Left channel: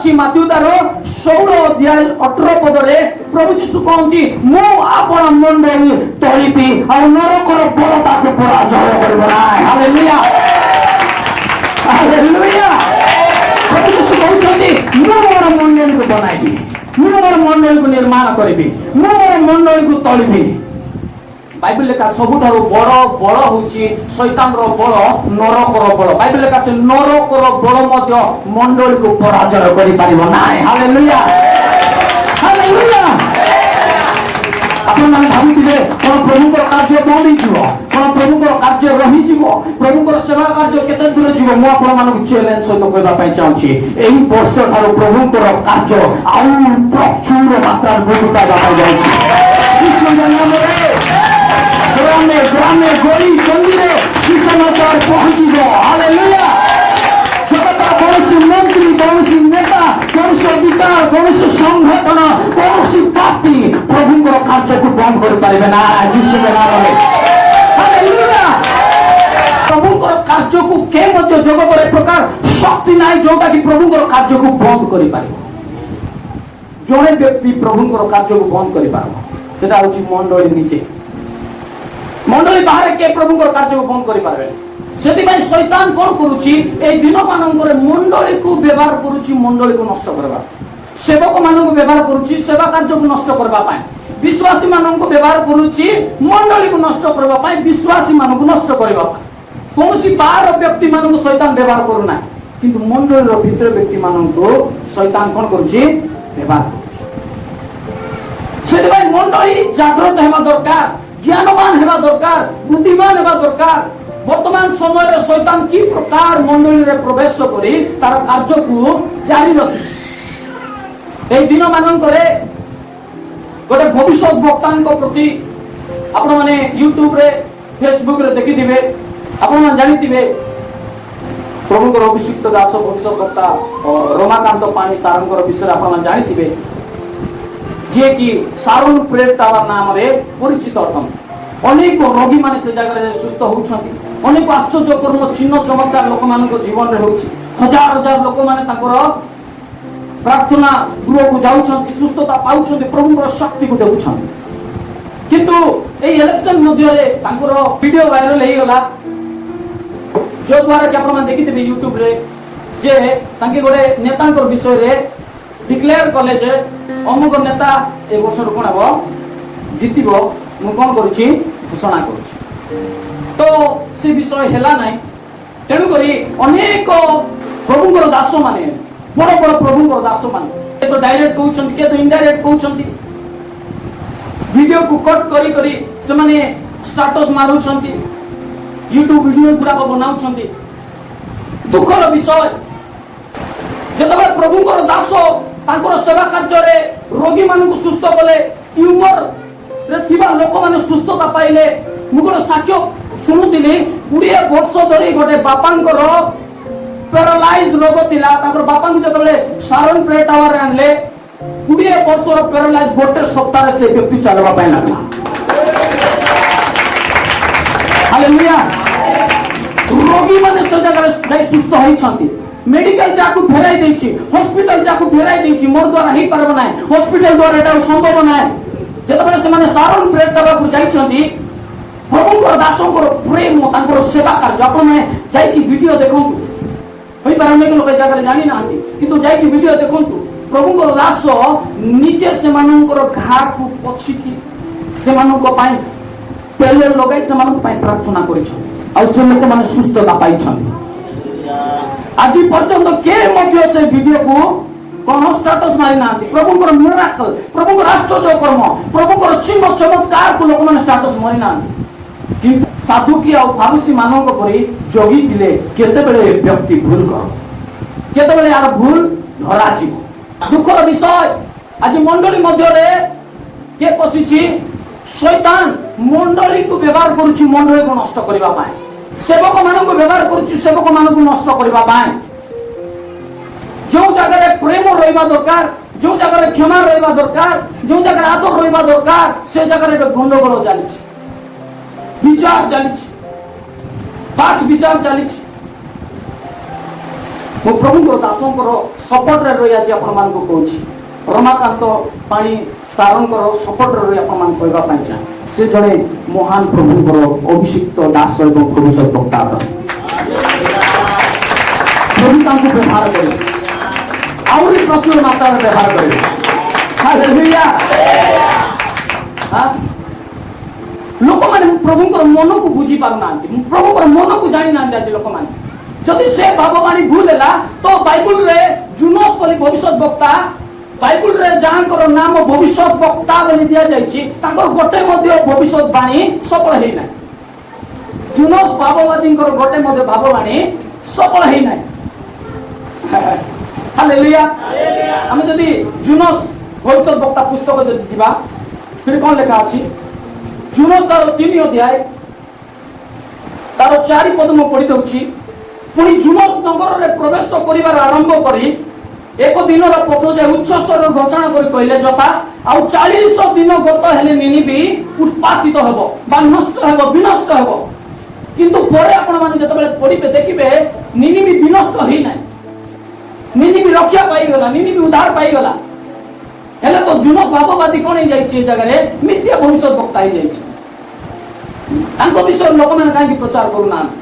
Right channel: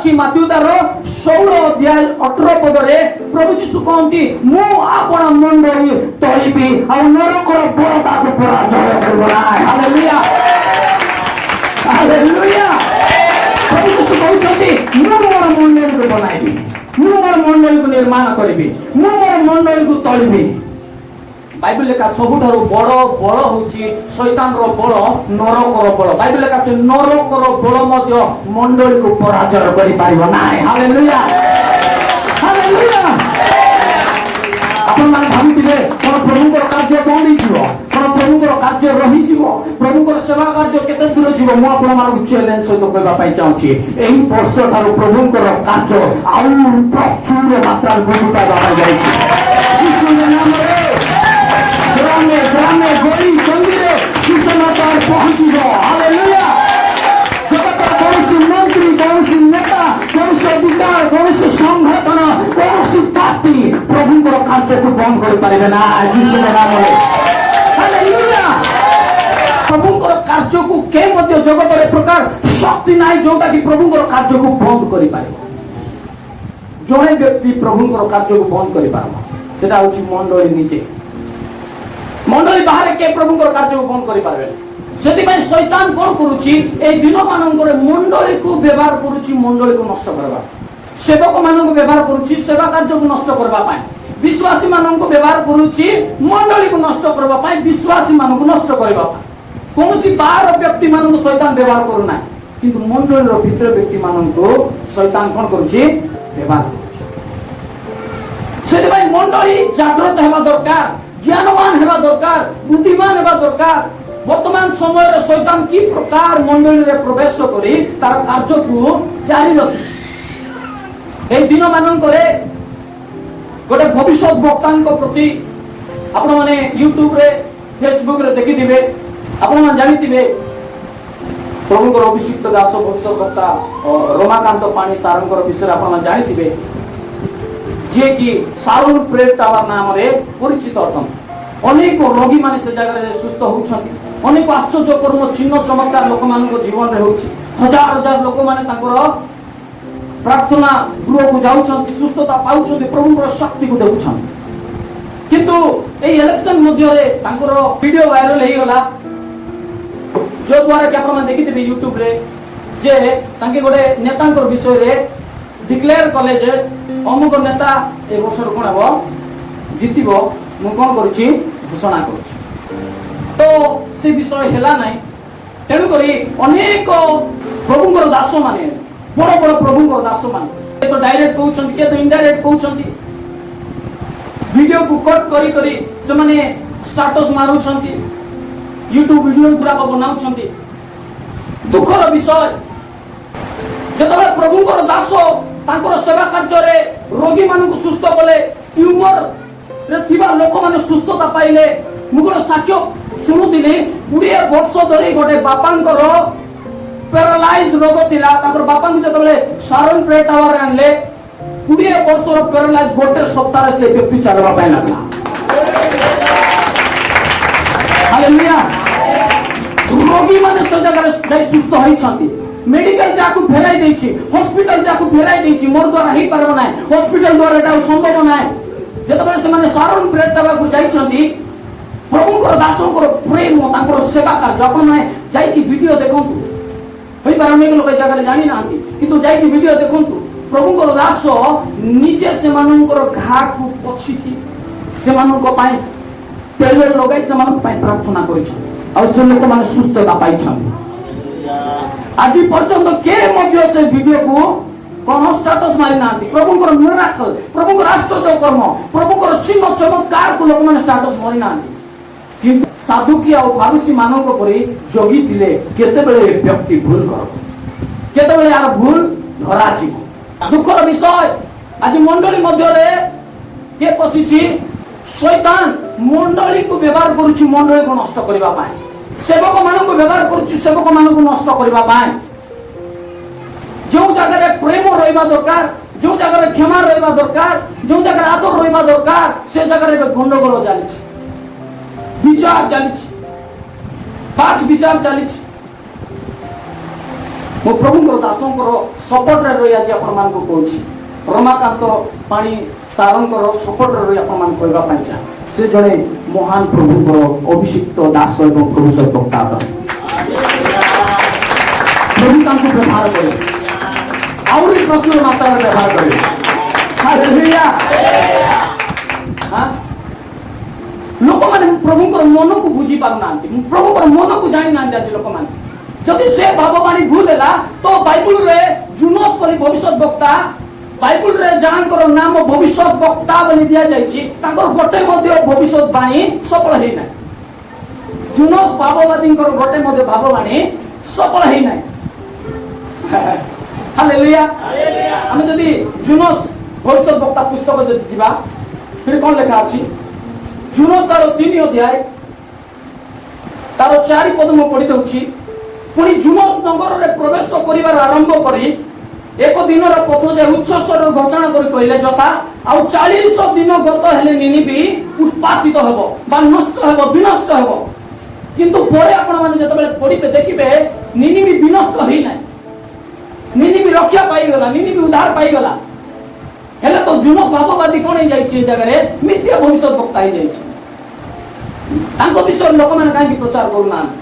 ଅଛି ମାଥିଉ ତାର 16 ଅଧ୍ୟାୟ 18 ପଦରେ ପ୍ରଭୁ ଯୀଶୁ କହନ୍ତି ମୁଁ ଆପଣ ମଣ୍ଡଳୀ ତଳିବି ଆଉ ନରକର ବଳ ତାକୁ ପରାଜୟ କରିବ ନାହିଁ। Hallelujah hallelujah. ପ୍ରଭୁ ଯୀଶୁ କହୁଛନ୍ତି ମୁଁ ମୋର ମଣ୍ଡଳୀକୁ ବନାଇବି, ମୁଁ ମୋର ମଣ୍ଡଳୀକୁ ନିର୍ମାଣ କରିବି, ମୁଁ ମୋର ମଣ୍ଡଳୀକୁ ତଳିବି। ବାଇବେଲ ଲେଖା ସବୁଠାରୁ ବଡ଼ ବଳ ହେଉଛି ଶୈତାନର ବଳ, ନରକର ବଳ। ବାଇବେଲ ଲେଖା ସେ ନରକର ବଳ ମଧ୍ୟ ମଣ୍ଡଳୀକୁ ପରାଜୟ କରିପାରିବ ନାହିଁ। Hallelujah hallelujah. ଆପଣମାନେ ଭାବୁଥିବେ କଣ ପ୍ରଭୁଙ୍କର କାର୍ଯ୍ୟ ବଢ଼ିଯିବ, କଣ ପ୍ରଭୁଙ୍କର କାର୍ଯ୍ୟ ରହିଯିବ, ପ୍ରଭୁଙ୍କର ସେବା କାର୍ଯ୍ୟ କେତେ ଦୂର ଯିବ? ମୁଁ ଆପଣମାନଙ୍କୁ ଚ୍ୟାଲେଞ୍ଜ ସହିତ କହିବା ପାଇଁ ଚାହୁଁଛି ଏହି ବର୍ଷ ଠାରୁ ପ୍ରଭୁଙ୍କର କାର୍ଯ୍ୟ ଆଉ ପ୍ରଚୁର ମାତ୍ରାରେ ବୃଦ୍ଧି ପାଇବାକୁ ଯାଉଛି। ଯୀଶୁଙ୍କ ନାମରେ ଗ୍ରାମେ ଗ୍ରାମେ ଗଳି ଗନ୍ଦିରେ ସୁସମାଚାର ପହଞ୍ଚିବ। ହାଲେଲୁୟା। ଜଗତର କୌଣସି ମନ୍ତ୍ରୀ, କୌଣସି ନେତା, କୌଣସି ଅଧିକାର, କୌଣସି ସଂଗଠନ, କୌଣସି ପାର୍ଟି ପ୍ରଭୁଙ୍କର କାର୍ଯ୍ୟକୁ ବନ୍ଦ କରିପାରିବେ ନା ଯୀଶୁଙ୍କ ନାମରେ। ହାଲେଲୁୟା। ପ୍ରଭୁଙ୍କର କାର୍ଯ୍ୟକୁ କେ ମଧ୍ୟ ଜଗତରେ ପ୍ରକାର ଶକ୍ତି ନାହିଁ ଯୋଉଟା କି ପ୍ରଭୁଙ୍କର କାର୍ଯ୍ୟକୁ ବନ୍ଦ କରିପାରିବ। ଜଣେ ବ୍ୟକ୍ତି ପ୍ରଭୁଙ୍କର କାର୍ଯ୍ୟକୁ ବନ୍ଦ କରିପାରିବ, ସେଟା ହଉଛି ମଣ୍ଡଳୀ ନିଜେ। ମଣ୍ଡଳୀ ବାହାରେ କେ ପ୍ରଭୁଙ୍କର କାର୍ଯ୍ୟକୁ ବନ୍ଦ କରିପାରିବେ। ସେଥିପାଇଁ ଶୈତାନ କଣ କରୁଛି এই ଦିନ ମାନଙ୍କରେ ମଣ୍ଡଳୀକୁ ବ୍ୟବହାର କରୁଛି ମଣ୍ଡଳୀକୁ ନଷ୍ଟ କରିବା, ସେବକ ମାନଙ୍କୁ ବ୍ୟବହାର କରୁଛି ସେବା କାର୍ଯ୍ୟକୁ ନଷ୍ଟ କରିବା ପାଇଁ, ବିଶ୍ୱାସୀ ମାନଙ୍କୁ ବ୍ୟବହାର କରୁଛି ମଣ୍ଡଳୀକୁ ନଷ୍ଟ କରିବା ପାଇଁ, ବିଶ୍ୱାସୀ ମାନଙ୍କୁ ନଷ୍ଟ କରିବା ପାଇଁ। କୌଣସି ବାହାର ବ୍ୟକ୍ତି ମାନଙ୍କୁ ଶୈତାନ ବ୍ୟବହାର କରୁନାହିଁ, କିନ୍ତୁ ମଣ୍ଡଳୀର ଭିତର ବ୍ୟକ୍ତି ମାନଙ୍କୁ ଶୈତାନ କଣ କରୁଛି ବ୍ୟବହାର କରୁଛି। ସେଥିପାଇଁ ମଣ୍ଡଳୀ ଜାଗ୍ରତ ହେବା ଦରକାର, ଜ୍ଞାନବାନ ହେବା ଦରକାର, ବୁଦ୍ଧିମାନ ହେବା ଦରକାର। ବର୍ତ୍ତମାନ ସମୟରେ ଶୈତାନ କି ପ୍ରକାର ମଣ୍ଡଳୀରେ ପ୍ରବେଶ କରି ତାର କାର୍ଯ୍ୟକୁ ଜାରି ରଖିଛି। এই ଦିନ ମାନଙ୍କରେ ଗୋଟେ ଭବିଷ୍ୟତ ବକ୍ତାଙ୍କ ପ୍ରତି ଆପଣମାନେ ୟୁଟ୍ୟୁବରେ ଫେସବୁକରେ ଦେଖିଥିବେ, ଆପଣମାନେ ଜାଣିଥିବେ ପ୍ରଭୁଙ୍କର ଅଭିଷିକ୍ତ ଦାସ ଭବିଷ୍ୟତ ବକ୍ତା ରମାକାନ୍ତ ପାଣି ସାରଙ୍କର ବିଷୟରେ ଆପଣମାନେ ଜାଣିଥିବେ, ଯିଏ କି ସାରୁଣ ପ୍ରେଟ ଟାୱାର ନାମରେ ପରିଚିତ ଅଟନ୍ତି। ଅନେକ ରୋଗୀମାନେ ସେ ଜାଗାରେ ସୁସ୍ଥ ହେଉଛନ୍ତି, ଅନେକ ଆଶ୍ଚର୍ଯ୍ୟକର ଚିହ୍ନ ଚମତ୍କାର ଲୋକମାନଙ୍କ ଜୀବନରେ ହେଉଛି। ହଜାର ହଜାର ଲୋକମାନେ ତାଙ୍କର ପ୍ରାର୍ଥନା ଗୃହକୁ ଯାଉଛନ୍ତି, ସୁସ୍ଥତା ପାଉଛନ୍ତି, ପ୍ରଭୁଙ୍କର ଶକ୍ତିକୁ ଦେଖୁଛନ୍ତି। କିନ୍ତୁ এই ଇଲେକ୍ସନ ମଧ୍ୟରେ ତାଙ୍କର ଭିଡିଓ ଭାଇରାଲ ହେଇଗଲା, ଯୋଉଦ୍ୱାରା କି ଆପଣମାନେ ଦେଖିଥିବେ ୟୁଟ୍ୟୁବରେ, ଯେ ତାଙ୍କେ ଗୋଟେ ନେତାଙ୍କର ବିଷୟରେ डिक्लेयर कले जे अमुक नेता ए वर्ष कोन हबो जितिबो, मु कोन करूची घोषणा करूची। तो से विषय हेला नाही, तेणु करी अनेक प्रभुଙ୍କର दास माने, बड़ बड़ प्रभुଙ୍କର दास माने के तो डायरेक्ट कहउछन, के तो इनडायरेक्ट कहउछन, वीडियो को कट करी करी से माने स्टेटस मारुछंती, यूट्यूब वीडियो पूरा बनाउछंती। दुखर विषय जेतबे प्रभुଙ୍କର दास तांकर सेवा कार्य रोगी मानक सुस्थ कले, ट्यूमर रे थिबा लोक माने सुस्थता पाइले। मु गोटे साक्ष्य शुणुथिली, 20 वर्ष धरी गोटे बापांकर पैरालाइज रोग थिला, तांकर बापा जेतबे सारण प्रेट टावर आनले, 20 वर्षर पैरालाइज गोटे सप्ताह से व्यक्ति चलबा पाइ लागला। हालेलुया। रोगी माने से जगह सुस्थ होइछंती, मेडिकल जाकू फेराई देछि, हॉस्पिटल जाकू फेराई देछि, मोर द्वारा ही परब नाही, हॉस्पिटल द्वारा एटा संभव नाही। जेतबे से माने सारण प्रेट टावर जाइछंती, प्रभुଙ୍କର दासଙ୍କର प्रेम तांकर सेवा कार्य आपण जाई कि वीडियो देखंतु। होई पर अनेक लोक जगह जानि नांती, किंतु जाई कि वीडियो देखंतु। प्रभुଙ୍କର दास निजे से मानकर घा को पछिकी से मानको पाई तेल लगाई से मानको पाई प्रार्थना करिछ, आ से लोक माने सुस्थता पाइछंती। आज पर्यंत के मध्य से वीडियो को कोन स्टेटस मारि नांती। प्रभुଙ୍କର मिराकल, प्रभुଙ୍କର आश्चर्य कर्म, प्रभुଙ୍କର चिन्ह चमत्कार को लोक माने स्टेटस मारि नांती। किंतु साधुकी और फारुसी मानव परी जोगी थिले केतेबेले व्यक्ति भूल कर, केतेबेले यार भूल धरा छी। दुखर विषय आज मंडली मध्य रे के पसिछि, शैतान मंडली को व्यवहार करूछि मंडली को नष्ट करबा पाए, सेवक मानन को व्यवहार करूछि सेवक मानन को नष्ट करबा पाए। जो जगह प्रेम रहबा दरकार, जो जगह क्षमा रहबा दरकार, जो जगह आदर रहबा दरकार, से जगह गंडगोल चली, विचार चली, पांच विचार चली। ମୁଁ ପ୍ରଭୁଙ୍କର ଦାସଙ୍କର ସପୋର୍ଟରେ ରହି ଆଜି ଆପଣମାନଙ୍କୁ କହୁଛି, ରମାକାନ୍ତ ପାଣି ସାରଙ୍କର ସପୋର୍ଟରେ ରହି ଆପଣମାନଙ୍କୁ କହିବା ପାଇଁ ଚାହେଁ, ସେ ଜଣେ ମହାନ ପ୍ରଭୁଙ୍କର ଅଭିଷିକ୍ତ ଦାସ ଏବଂ ଭବିଷ୍ୟତ ବକ୍ତା ଅଟନ୍ତି। ପ୍ରଭୁ ତାଙ୍କୁ ବ୍ୟବହାର କଲେ, ଆହୁରି ପ୍ରଚୁର ମାତ୍ରାରେ ବ୍ୟବହାର କରିବେ। ହାଲେଲୁୟା। ଲୋକମାନେ ପ୍ରଭୁଙ୍କର ମନକୁ ବୁଝି ପାରୁନାହାନ୍ତି, ପ୍ରଭୁଙ୍କର ମନକୁ ଜାଣିନାହାନ୍ତି ଆଜି ଲୋକମାନେ। ଯଦି ସେ ଭାବବାଣୀ ଭୁଲ ହେଲା ତ ବାଇବଲରେ ଜୁନସ୍ ବୋଲି ଭବିଷ୍ୟତ ବକ୍ତା, ବାଇବଲରେ ଯାହାଙ୍କର ନାମ ଭବିଷ୍ୟତ ବକ୍ତା ବୋଲି ଦିଆଯାଇଛି ତାଙ୍କର ଗୋଟେ ମଧ୍ୟ ଭବିଷ୍ୟତ ବାଣୀ ସଫଳ ହେଇନାହିଁ। ଜୁନସ୍ ଭାବବାଦୀଙ୍କର ଗୋଟେ ମଧ୍ୟ ଭାବବାଣୀ ସଫଳ ହେଇନାହିଁ। ହାଲେଲୁୟା। ଆମେ ଯଦି ଜୁନସ୍ ଭବିଷ୍ୟତ ବକ୍ତା ପୁସ୍ତକ ଯଦି ଯିବା, ସେଠି କଣ ଲେଖା ଅଛି? ଜୁନସ୍ ତାର 3 ଅଧ୍ୟାୟ ତାର 4 ପଦ ମୁଁ ପଢି ଦଉଛି। ପୁଣି ଜୁନସ୍ ନଗରରେ ପ୍ରବେଶ କରିବାର ଆରମ୍ଭ କରି ଏକ ଦିନର ପଥ ଯାଇ ଉଚ୍ଚ ସ୍ୱରରେ ଘୋଷଣା କରି କହିଲେ, ଯଥା ଆଉ 40 ଦିନ ଗତ ହେଲେ ନିନିବି ଉତ୍ପାତିତ ହେବ ବା ନଷ୍ଟ ହେବ, ବିନଷ୍ଟ ହେବ। କିନ୍ତୁ ପରେ ଆପଣମାନେ ଯେତେବେଳେ ପଢିବେ ଦେଖିବେ ନିନିବି ବିନଷ୍ଟ ହେଇନାହିଁ, ନିନିବି ରକ୍ଷା ପାଇଗଲା, ନିନିବି ଉଦ୍ଧାର ପାଇଗଲା। ହେଲେ ତ ଜୁନସ୍ ଭାବବାଦୀ କଣ ହେଇଯାଇଛି? ଏ ଜାଗାରେ ମିଥ୍ୟା ଭବିଷ୍ୟତ ବକ୍ତା ହେଇଯାଇଛି। ତାଙ୍କ ବିଷୟରେ ଲୋକମାନେ କାହିଁକି ପ୍ରଚାର କରୁନାହାନ୍ତି?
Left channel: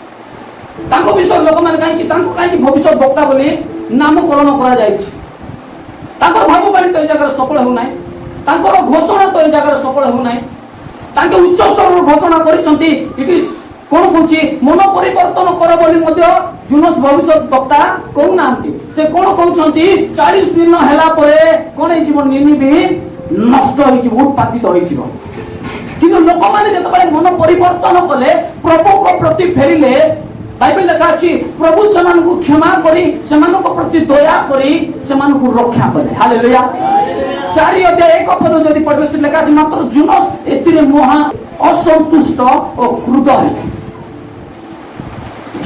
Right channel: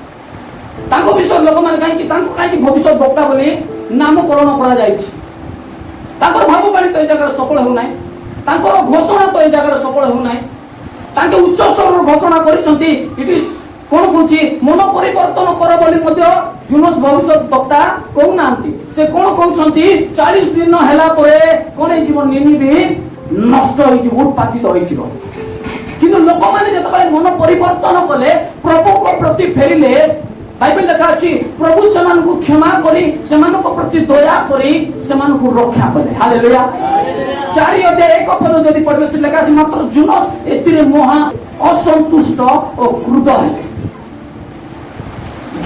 ତାଙ୍କ ବିଷୟରେ ଲୋକମାନେ କାହିଁକି ଭବିଷ୍ୟତ ବକ୍ତା ବୋଲି ନାମକରଣ କରାଯାଇଛି? ତାଙ୍କର ଭାବବାଣୀ ତ ଏ ଜାଗାରେ ସଫଳ ହେଉନାହିଁ, ତାଙ୍କର ଘୋଷଣା ତ ଏ ଜାଗାରେ ସଫଳ ହେଉନାହିଁ। ତାଙ୍କେ ଉଚ୍ଚ ସ୍ୱରରେ ଘୋଷଣା କରିଛନ୍ତି, କଣ କହୁଛି? ମନ ପରିବର୍ତ୍ତନ କର ବୋଲି ମଧ୍ୟ ଜୁନସ୍ ଭବିଷ୍ୟତ ବକ୍ତା କହୁନାହାନ୍ତି। ସେ କଣ କହୁଛନ୍ତି? 40 ଦିନ ହେଲା ପରେ କଣ ହେଇଯିବ? ନିନିବି ନଷ୍ଟ ହେଇଯିବ, ଉତ୍ପାତିତ ହେଇଯିବ। କିନ୍ତୁ ଲୋକମାନେ ଯେତେବେଳେ ମନ ପରିବର୍ତ୍ତନ କଲେ, ପ୍ରଭୁଙ୍କ ପ୍ରତି ଫେରିଲେ, ବାଇବେଲ ଲେଖା ଅଛି ପ୍ରଭୁ ସେମାନଙ୍କୁ କ୍ଷମା କରି ସେମାନଙ୍କ ପ୍ରତି ଦୟା କରି ସେମାନଙ୍କୁ ରକ୍ଷା କଲେ। ହାଲେଲୁୟା। 4 ଅଧ୍ୟାୟ 1 ପଦ ଯଦି ପଢିବେ, ସେ ଲେଖା ଅଛି ମାତ୍ର ଜୁନସ୍ ଏଥିରେ ମହା ଅସନ୍ତୁଷ୍ଟ ଓ କ୍ରୁଦ୍ଧ ହେଲେ।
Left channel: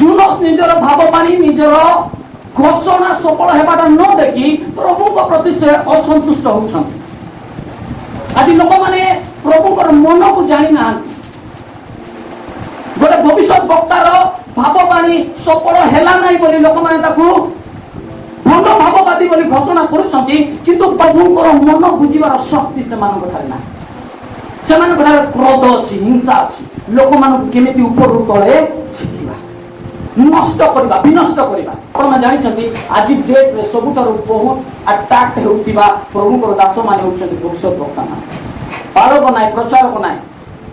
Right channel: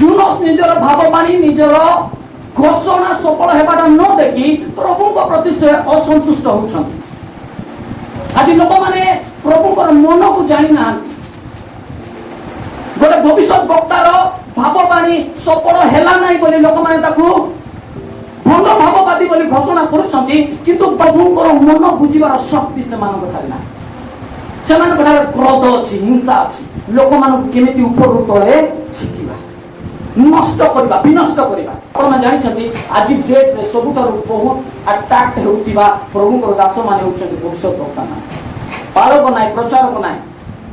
ଜୁନସ୍ ନିଜର ଭାବବାଣୀ, ନିଜର ଘୋଷଣା ସଫଳ ହେବାଟା ନ ଦେଖି ପ୍ରଭୁଙ୍କ ପ୍ରତି ସେ ଅସନ୍ତୁଷ୍ଟ ହେଉଛନ୍ତି। ଆଜି ଲୋକମାନେ ପ୍ରଭୁଙ୍କର ମନକୁ ଜାଣିନାହାନ୍ତି। ଗୋଟେ ଭବିଷ୍ୟତ ବକ୍ତାର ଭାବବାଣୀ ସଫଳ ହେଲା ନାହିଁ ବୋଲି ଲୋକମାନେ ତାକୁ ଭଲ ଭାବବାଦୀ ବୋଲି ଘୋଷଣା କରୁଛନ୍ତି, କିନ୍ତୁ ପ୍ରଭୁଙ୍କର ମନ ବୁଝିବାର ଶକ୍ତି ସେମାନଙ୍କ ଠାରେ ନାହିଁ। ସେମାନଙ୍କ ଠାରେ କ୍ରୋଧ ଅଛି, ହିଂସା ଅଛି। ଲୋକମାନଙ୍କୁ କେମିତି ଉପରୁ ତଳେ ଶିଖିବା, ନଷ୍ଟ କରିବା, ବିନଷ୍ଟ କରିବା। ଆପଣ ଜାଣିଛନ୍ତି ଆଜି ଡେଟ୍ରେ ସବୁଠାରୁ ବହୁତ ଆଟାକ୍ ହେଉଥିବା ପ୍ରଭୁଙ୍କର ଦାସମାନେ ହେଉଛନ୍ତି ଭବିଷ୍ୟତ ବକ୍ତା ମାନେ। ପାଳକ ନାହିଁ, ପ୍ରଚାରକ ନାହିଁ,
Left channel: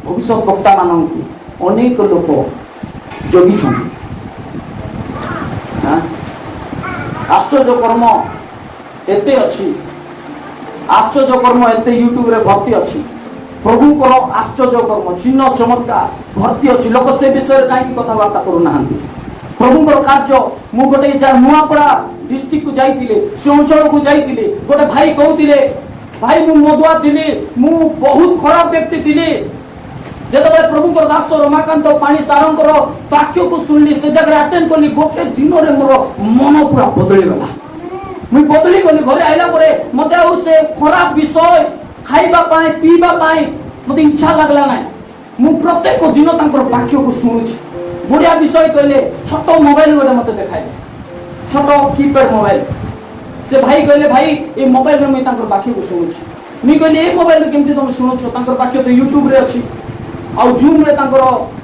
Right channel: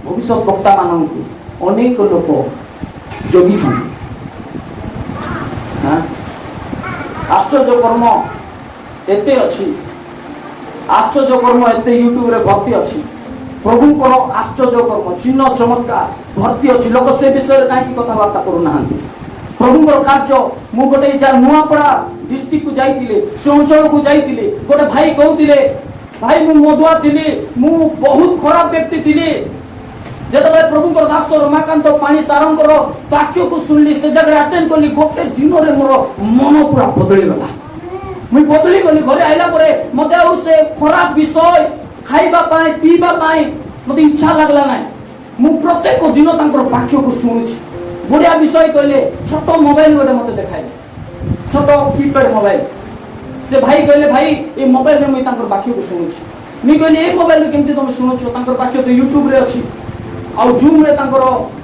ଭବିଷ୍ୟତ ବକ୍ତା ମାନଙ୍କୁ ଅନେକ ଲୋକ ଜଗିଛନ୍ତି। ଆଶ୍ଚର୍ଯ୍ୟ କର୍ମ ଏତେ ଅଛି, ଆଶ୍ଚର୍ଯ୍ୟ କର୍ମ ଏତେ ୟୁଟ୍ୟୁବରେ ଭର୍ତ୍ତି ଅଛି। ପ୍ରଭୁଙ୍କର ଆଶ୍ଚର୍ଯ୍ୟ କର୍ମ, ଚିହ୍ନ ଚମତ୍କାର ଭର୍ତ୍ତି ଅଛି। ଲୋକ ସେ ବିଷୟରେ କାହିଁକି କଥାବାର୍ତ୍ତା କରୁନାହାନ୍ତି? ପ୍ରଭୁଙ୍କର କାର୍ଯ୍ୟ। ମୁଁ ଗୋଟେ ନୂଆପଡ଼ା ଡିଷ୍ଟ୍ରିକ୍ଟକୁ ଯାଇଥିଲି, ସେ ଅଞ୍ଚଳକୁ ଯାଇଥିଲି। ଗୋଟେ ଭାଇ କହୁଥିଲେ, ଭାଇ ମୁଁ ମଦୁଆ ଥିଲି, ମୁଁ ବହୁତ ଖରାପ ବ୍ୟକ୍ତି ଥିଲି। ଯେତେବେଳେ ପ୍ରଭୁଙ୍କର ଦାସ ରମାକାନ୍ତ ପାଣି ସାରଙ୍କର ବାକ୍ୟକୁ ଶୁଣିଲି, ସେ ଜାଗାରେ ଆଟେଣ୍ଡ କଲି, ଗୋଟେ ଦିନରେ ମୋର ମନ ପୁରା ବଦଳିଗଲା। ମୁଁ ବଦଳି ଗଲି। ଘରେ ଆଇଲା ପରେ ମତେ ଆଉ ସେ ଖରାପ ବିଷୟ ଖାଇବା ପାଇଁ ପିଇବା ପାଇଁ ମତେ ଇଚ୍ଛା ଲାଗିଲା ନାହିଁ। ମୁଁ ପ୍ରତ୍ୟେକ ଦିନ ତାଙ୍କର ବାକ୍ୟକୁ ଶୁଣୁଛି। ବଢିଆ ବିଷୟ କହିଲେ। ଛୋଟ ମୋବାଇଲ ଗୋଟେ ମତେ ଦେଖାଇଲେ, ଛୋଟ କିପ୍ୟାଡ ମୋବାଇଲ। ସେ ଭାଇ କହିଲେ, ଭାଇ ଏ ମୋବାଇଲରେ ମୁଁ ତାଙ୍କର ବାକ୍ୟକୁ ଶୁଣୁଛି। ମୁଁ କହିଲି, ଏଇ ମୋବାଇଲରେ କେମିତି ତମେ ଶୁଣୁଛ? ତାଙ୍କର ବାକ୍ୟ ତ ୟୁଟ୍ୟୁବରେ ଅଛି, ଆଉ ଜୁମ୍ରେ ତାଙ୍କର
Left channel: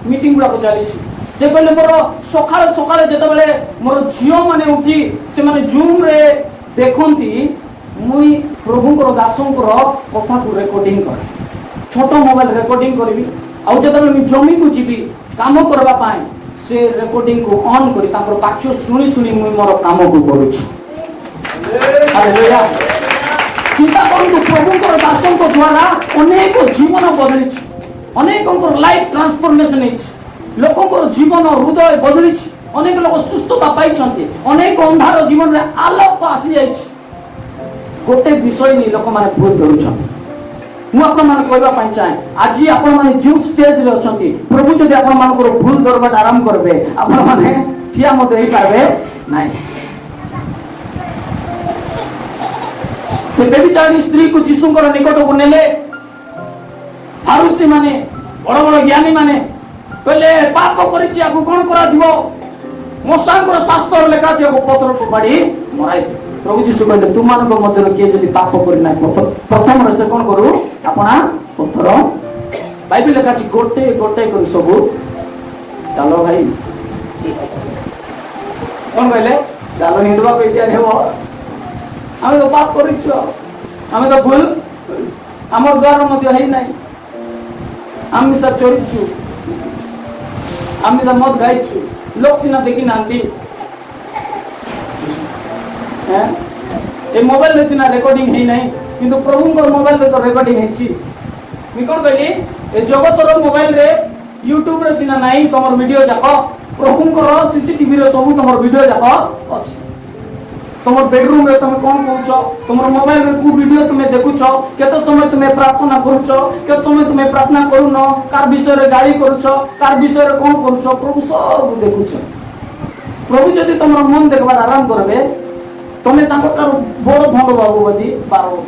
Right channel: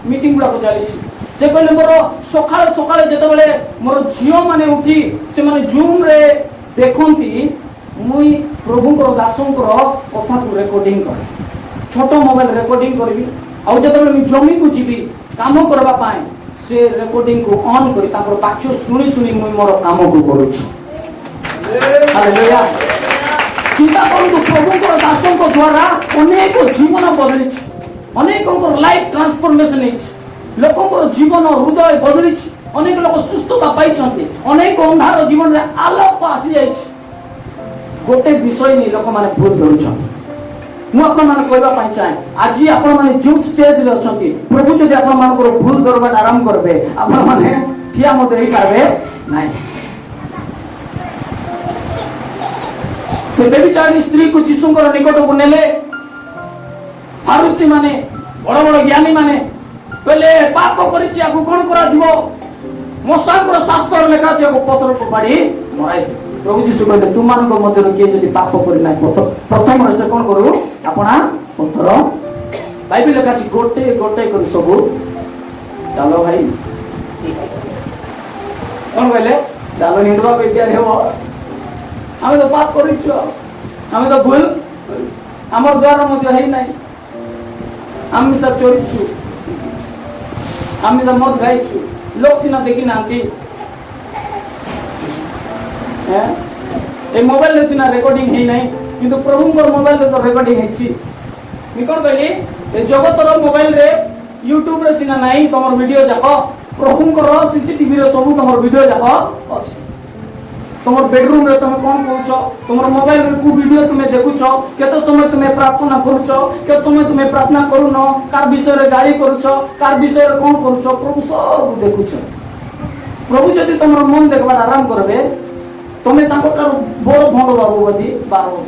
ମିଟିଂ ଗୁଡାକ ଚାଲିଛି। ସେ କହିଲେ, ମୋର ସକାଳେ ସକାଳେ ଯେତେବେଳେ ମୋର ଝିଅ ମାନେ ଉଠି ସେମାନେ ଜୁମ୍ରେ ଦେଖନ୍ତି, ମୁଇଁ ପ୍ରଭୁଙ୍କର ଦାସଙ୍କର କଥାକୁ ରେକର୍ଡିଂ କରେ। ଛୋଟ ମୋବାଇଲ ରେକର୍ଡିଂ କରିବି, ଆଉ ଯେତେବେଳେ ମୁଁ ଜମିକୁ ଯିବି କାମ କରିବା ପାଇଁ, ସେ ରେକର୍ଡିଂକୁ ଅନ୍ କରି ତାଙ୍କର ବାକ୍ୟ ଶୁଣି ଶୁଣି ମୁଁ ମୋର କାମକୁ କରୁଛି। ଚିନ୍ତା କରନ୍ତୁ, ପ୍ରଭୁଙ୍କର ଦାସଙ୍କ ଦ୍ୱାରା ଅନେକ ଜୀବନ ବଦଳିଛି, ଅନେକଙ୍କର ଲାଇଫ ଟ୍ରାନ୍ସଫର୍ମେସନ ହେଇଛି, ଲୋକଙ୍କର ଜୀବନ ହୃଦୟ ବଦଳିଛି, ଅନେକ ଲୋକ ସୁସ୍ଥତା ପାଇଛନ୍ତି, ଅନେକ ଅନ୍ଧାର ଜୀବନରେ ଆଲୋକ ଆସିଯାଇଛି। ଗୋଟେ ବିଷୟ ନେଇ ଲୋକମାନେ ଭୁଲ ଧରୁଛନ୍ତି। ମୁଁ ଆପଣମାନେ କହିବା ପାଇଁ ଚାହେଁ, ଆଜି ଆପଣମାନେ ଯେଉଁ ଷ୍ଟେଜରେ ଅଛନ୍ତି, ପ୍ରଭୁ ଯଦି ଆପଣମାନଙ୍କର ଭୁଲ ଧରବାଟା ଆରମ୍ଭ କରିବେ, ଆପଣମାନେ ଠିଆ ମଧ୍ୟ ହେଇପାରିବେ ନାହିଁ। ସେ ବ୍ୟଭିଚାରିଣୀ ସ୍ତ୍ରୀକୁ ଯୀଶୁଙ୍କର ନିକଟକୁ ନେଲେ। ଫାରୁସୀ ମାନେ, ବଡ ବଡ ଜ୍ଞାନୀ ମାନେ କହିଲେ, ପାପ କରିଛି, ଆକୁ କଣ କରାଯିବ? ମଶାଙ୍କର ଶାସ୍ତ୍ର ଲେଖା ଅଛି ଏକ ପଥର ଫୋପାଡ଼ି ମରାଇ ଦିଅ। ପ୍ରଭୁ ଯୀଶୁ କହିଲେ ତୁମାନଙ୍କ ମଧ୍ୟରୁ କିଏ ଯଦି ପାପ କରିନାହିଁ ପ୍ରଥମରେ ସେ କଣ କରୁ ଆପଣା ପଥର। ବାଇବେଲ ଲେଖା ଅଛି ଗୋଟେ ଗୋଟେ କରି ସବୁ ଚାଲ ଭାଇ କଣ କହିଲେ ଚାଲ ହିନ୍ଦୁଆ ବିଦ୍ୟା ହେବ। ଆମେ ତ ପାପ କରିଛୁ, ଆମେ ତ ଭୁଲ ଆମର ଦ୍ୱାରା ମଧ୍ୟ ହେଇନାହିଁ। ଆମିଷ ଚୋରିଛୁ, ଆମିଷ ମଦ ଖାଇଛୁ, ଲୋକ ସିନା ଦେଖି ନାହାନ୍ତି। ଏ ମୋବାଇଲ ସିନା ରେକର୍ଡିଂ ହେଇନାହିଁ, କିନ୍ତୁ ପ୍ରଭୁଙ୍କର ମୋବାଇଲରେ ତ ରେକର୍ଡିଂ ହେଇଛି। ମୁଁ କଣ କହିଲି ଏ ଜଗତର ମୋବାଇଲରେ ୟୁଟ୍ୟୁବରେ ସିନା ନାହିଁ ତମର ଭିଡିଓ ଯାକ, ପ୍ରଭୁଙ୍କର ସିସିଟିଭିରେ ସବୁ ତମର ଭିଡିଓ ଯାକ ଅଛି। ତମର ବେଡରୁମ ରେ ତମେ କଣ କରୁଛ, ତମର ମୋବାଇଲ ରେ କୋଉ ଭିଡିଓ ତୁମେ ଦେଖୁଛ, କେତେ ସମୟ ତୁମେ ପ୍ରାର୍ଥନା କରୁଛ, କେତେ ସମୟ ତୁମେ ପ୍ରାର୍ଥନା କରୁନ, କାর ବିଷୟରେ ଗାଳି କରୁଛ, କାর ବିଷୟରେ କଣ କରୁଛ, ପ୍ରଭୁ ସବୁ ଦେଖୁଛେ। ପ୍ରଭୁ ଯଦି ତମର ମନ ଦେଖବାର ଆରାମ କରିବେ, ତମେ ତାଙ୍କଠାରୁ ବଡ ଭଣ୍ଡ ବାବୁ ବୋଲି 12 ବର୍ଷ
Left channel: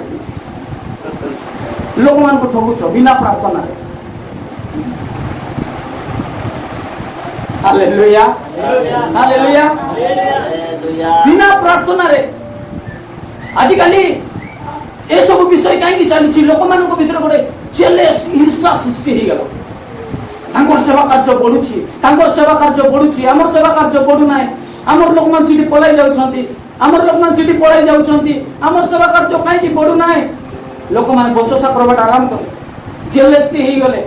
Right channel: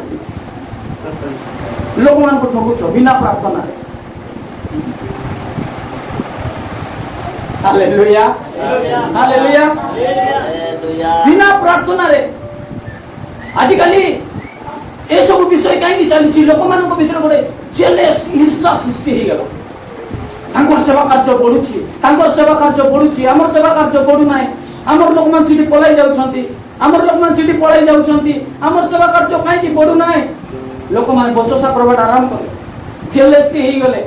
ଲୋକମାନଙ୍କୁ ଠକୁଛ ବିନା ପ୍ରାର୍ଥନାରେ। Hallelujah hallelujah. ବିନା ପ୍ରାର୍ଥନାରେ ଆଜିକାଲି ଏସବୁ ବିଷୟ କାହିଁକି ଚାଲିଛି? ଲୋକମାନଙ୍କ ଭିତରେ ଗୋଟେ ଜେଲସ୍ ଈର୍ଷା ସୃଷ୍ଟି ହେଇଗଲା। ତାଙ୍କର ସେବା କାର୍ଯ୍ୟ ବଢୁଛି, ତାଙ୍କର ସେବା କାର୍ଯ୍ୟ ବଢୁଛି, ଆମର ସେବା କାର୍ଯ୍ୟ ବଢୁନାହିଁ। ଆମର ଲୋକମାନେ ସେଠି ପଳେଇ ଯାଉଛନ୍ତି, ଆମର ଲୋକମାନେ ସେଠି ପଳେଇ ଯାଉଛନ୍ତି, ଆମର ସେବା କାର୍ଯ୍ୟ କାହିଁକି ବଢୁନାହିଁ? ଲୋକମାନେ ବଚସା କରବାଟା ଆରମ୍ଭ କଲେ, ଜେଲସି ହେଇଗଲେ।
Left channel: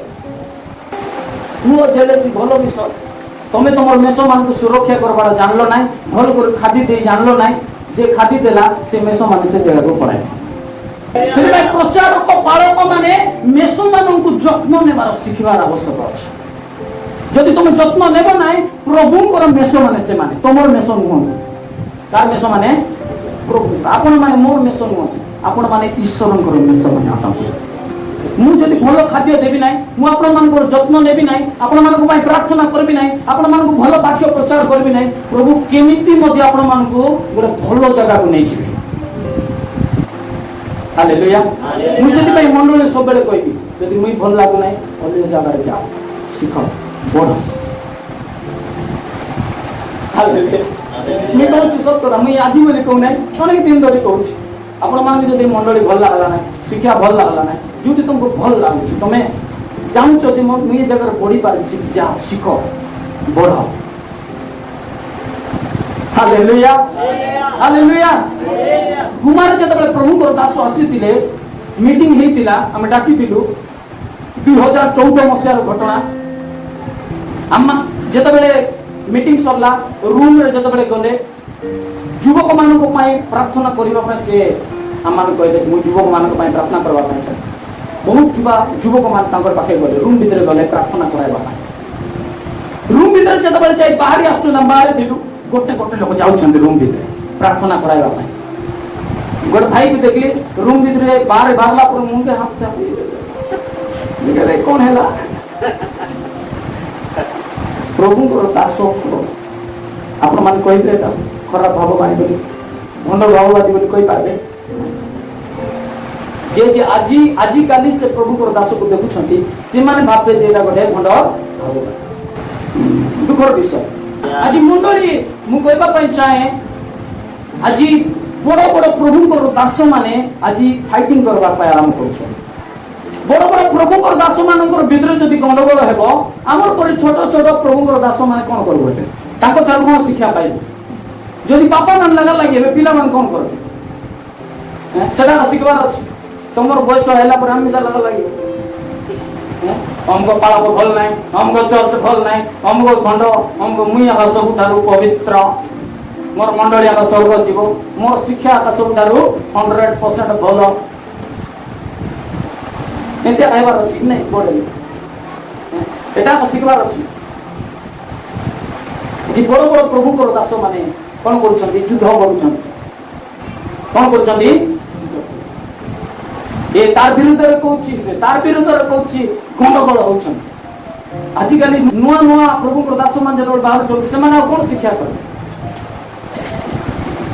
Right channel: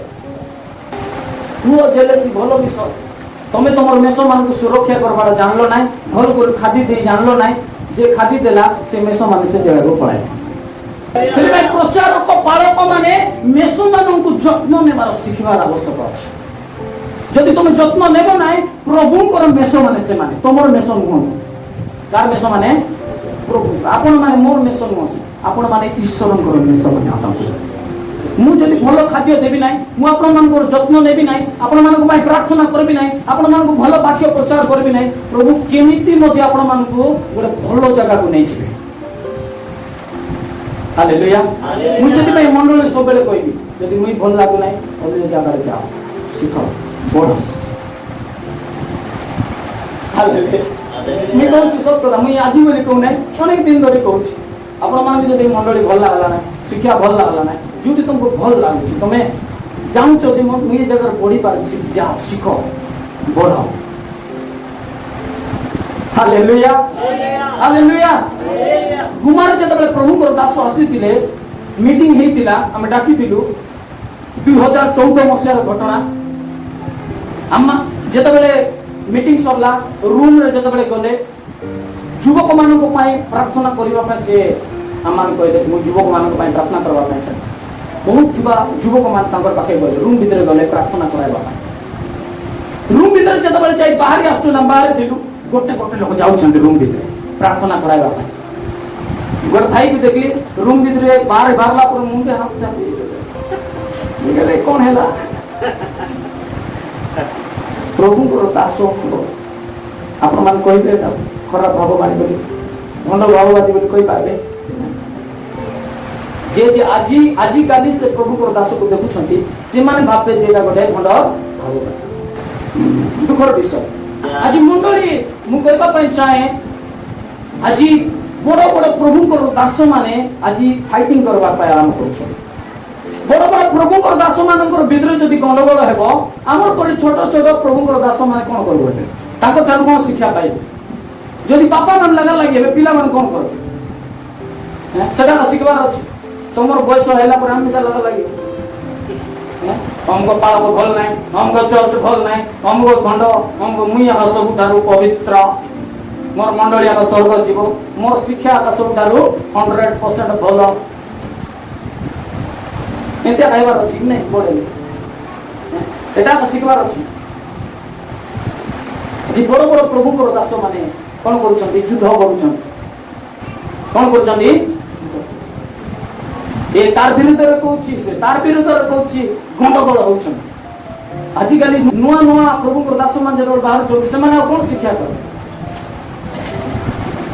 ପୁଅ ଜେଲସି ଭଲ ବିଷୟ। ତମେ ତମର ମେଷ ମାନଙ୍କୁ ସୁରକ୍ଷା କରବାଟା ଜାଣିଲ ନାହିଁ, ଭଲ କରି ଖାଦି ଦେଇ ଜାଣିଲ ନାହିଁ, ଯେ ଖାଦି ଦେଲା ସେ ମେଷ ମାନେ ସେ ଜାଗାକୁ ପଳାଏ। ସେଥିପାଇଁ ପ୍ରଚାରକ ପାଳକ ମାନେ ମେଷ ମାନଙ୍କୁ ଯତ୍ନ ନେବାର ଶିଖିବାର ଆବଶ୍ୟକ ଅଛି। ଯଦି ତମେ ଯତ୍ନ ନେବ ନାହିଁ, ପ୍ରଭୁଙ୍କର ମେଷ ମାନେ ସେମାନେ ତମର ମେଷ ନୁହନ୍ତି। କାହାର ମେଷ ମାନେ? ପ୍ରଭୁ। ଆପଣ ମାନେ ମୋର ମେଷ ନୁହନ୍ତି, ଆପଣ ମାନେ ଈଶ୍ୱରଙ୍କର ମେଷ ମାନେ। ମୁଁ ଯଦି ଭଲ ଖାଦ୍ୟ ଦେବି ନାହିଁ, ମୁଁ ଆପଣମାନଙ୍କର ଯତ୍ନ ନେବି ନାହିଁ, ଆପଣମାନଙ୍କ ପାଇଁ ପ୍ରାର୍ଥନା କରିବି ନାହିଁ, ଆପଣମାନଙ୍କୁ ଭଲ ବାକ୍ୟ ପ୍ରଚାର କରିବି ନାହିଁ, ପ୍ରଭୁ କେମିତି ମଧ୍ୟ ଆପଣମାନଙ୍କୁ ଗୋଟେ ଭଲ ଜାଗାକୁ ନେଇଯିବେ। ହାଲେଲୁୟା। ମୁଁ ସେଥିପାଇଁ ମଣ୍ଡଳରେ ସବୁବେଳେ କହିବି, ଯଦି ମୁଇଁ ଭଲ ଲାଗୁନାହିଁ ଅନ୍ୟ ଜାଗାରେ ଯାଅ, ଶିଖ, ବଢ। ହାଲେଲୁୟା। ମୁଁ କହୁଛି ସତ କଥା, ମୁଁ ଆଜି ବୋଲି କହୁନାହିଁ, ଅନେକ ଦିନ ଧରି କହୁଛି। ଆପଣମାନଙ୍କୁ ଯଦି ମଣ୍ଡଳୀ ଭଲ ଲାଗିଲା ନାହିଁ, ଶିକ୍ଷା ଭଲ ଲାଗିଲା ନାହିଁ, ଯୋଉଠି ତମକୁ ଭଲ ଲାଗୁଛି, ତମେ ଜାଣୁଛ ଯେ ମୁଁ ଏ ଜାଗାରେ ବଢିପାରିବି, ସେଠି ଯାଅ, ଶିଖ, ବଢ। Hallelujah hallelujah. କୁମାର ଯେତେବେଳେ ପ୍ରଭୁଙ୍କର ଦାସ ଆସିଥିଲେ, ମିଟିଂ ହେଇଥିଲା, ଆମେ ଡାକିଥିଲୁ 2014 ମସିହାର ଘଟଣା। ଆମେ ଯେତେବେଳେ ମିଟିଂ ସରିଲା, ରୁମରେ ଯେତେବେଳେ ଗଲେ, ଯୁବକ ମାନଙ୍କ ପାଇଁ ପ୍ରାର୍ଥନା କରିବା ପାଇଁ ସେ ଆମମାନଙ୍କୁ କହିଲେ, ମୁଁ ଯୁବକ ମାନଙ୍କ ପାଇଁ ପ୍ରାର୍ଥନା କରିବା ପାଇଁ ଚାହେଁ। ବହୁତ ଯୁବକ ମାନେ ତାଙ୍କର ପାଖେ ଗଲେ, ରୁମ୍ ଭିତରେ ଗଲେ ପ୍ରାର୍ଥନା କରିବା ପାଇଁ। ରୁମ୍ ଭିତରେ ଯେତେବେଳେ ଯାଇ ବାହାରି ଆସୁଛୁ, ବାହାରେ ଥିଲୁ, ଗୋଟେ ଗୋଟେ ଲୋକ ଯାଉଛନ୍ତି ରୁମ୍ ଭିତରେ ପ୍ରାର୍ଥନା କରାଇବା ପାଇଁ। ଗୋଟେ ଭାଇକି ଦେଖିଲି ରୁମ୍ ଭିତରେ ବାହାରେ ବାହାରିଲା ପରେ ମୁଣ୍ଡେ ହାତ ଚାପି କଣ ହେଲା? ପ୍ରଭୁଙ୍କର ଦାସ ଆପଣମାନେ କହିବେ ଖରାପ ଭାବବାଣୀ ବୋଲି, ଭଣ୍ଡ ଭାବବାଦୀ ବୋଲି କହିପାରିବେ। ଯେ ଆଜିକାଲି ସେ ପ୍ରଭୁଙ୍କର ଦାସକୁ ଦେଖୁଛନ୍ତି, ସେମାନେ ଭାବେ ଯେ ଏଇଟା ଗୋଟେ ଭଣ୍ଡ। ଦୁଃଖର ବିଷୟ। ଆଜି ମଣ୍ଡଳୀ ମୁଁ କହିବା ପାଇଁ ଚାହେଁ, ଆଜି ବଡ ବଡ ପ୍ରଭୁଙ୍କର ଦାସ ମାନେ ଆଜି ଫାଇଟିଂ କରିବା ପାଇଁ ଆରମ୍ଭ କରୁଛନ୍ତି। ବଡ ବଡ ପ୍ରଭୁଙ୍କର ଦାସ ମାନଙ୍କର ଭିତରେ ଯଦି ଗଣ୍ଡଗୋଳ ହେବ, ଆମର ପରି ଛୋଟ ଛୋଟ ପ୍ରଭୁଙ୍କର ଦାସ ମାନେ କଣ କରିବେ? ତାଙ୍କ ଠାରୁ କଣ ଶିକ୍ଷା ପାଇବେ? ଯଦି ବାପା ମାନେ ଲାଗା ଲାଗିବେ, ପିଲାମାନେ କଣ କରିବେ? ସେଟା ଶିଖିବାର ଅଛି। ତମର ବୟସ ହେଲା ପରେ ଆମେ ଲାଗା ଲାଗିବ, ଅମକ ପାଳକ ଭଲ ନାହିଁ, ଅମକ ଚର୍ଚ୍ଚ ଭଲ ନାହିଁ, ଅମକ ଖଣ୍ଡ, ଅମକ ମୁଇଁ ଆକା ସବୁଠାରୁ ପବିତ୍ର, ମୋର ମଣ୍ଡଳୀ ଆକା ସ୍ୱର୍ଗ ଯିବ, ମୋର ଶିକ୍ଷା ଆକା ସବୁଠାରୁ 100% ଭଲ, ଏମିତି ଆଇବାର ଅଛି କି ନାଇଁ? ବଡ ଏଟା ଶିଖିବାର ଅଛି। ବଡ ବଡ ପ୍ରଭୁଙ୍କର ଦାସ ମାନେ କଣ କରୁଛନ୍ତି? ଯୁଦ୍ଧ କରୁଛନ୍ତି। କଣ କରୁଛନ୍ତି? ଏ ତାର ବିରୁଦ୍ଧରେ କହୁଛି, ସେ ତାର ବିରୁଦ୍ଧରେ କହୁଛି, ଗଣ୍ଡଗୋଳ ହଉଛନ୍ତି। ଆଜିକାଲି ନୂଆ ନୂଆ ପ୍ରଭୁଙ୍କର ଦାସ ମାନେ ଯେତେବେଳେ ବାହାରୁଛନ୍ତି, ସେମାନେ ଆଉ କଣ ଶିକ୍ଷା କରିବେ?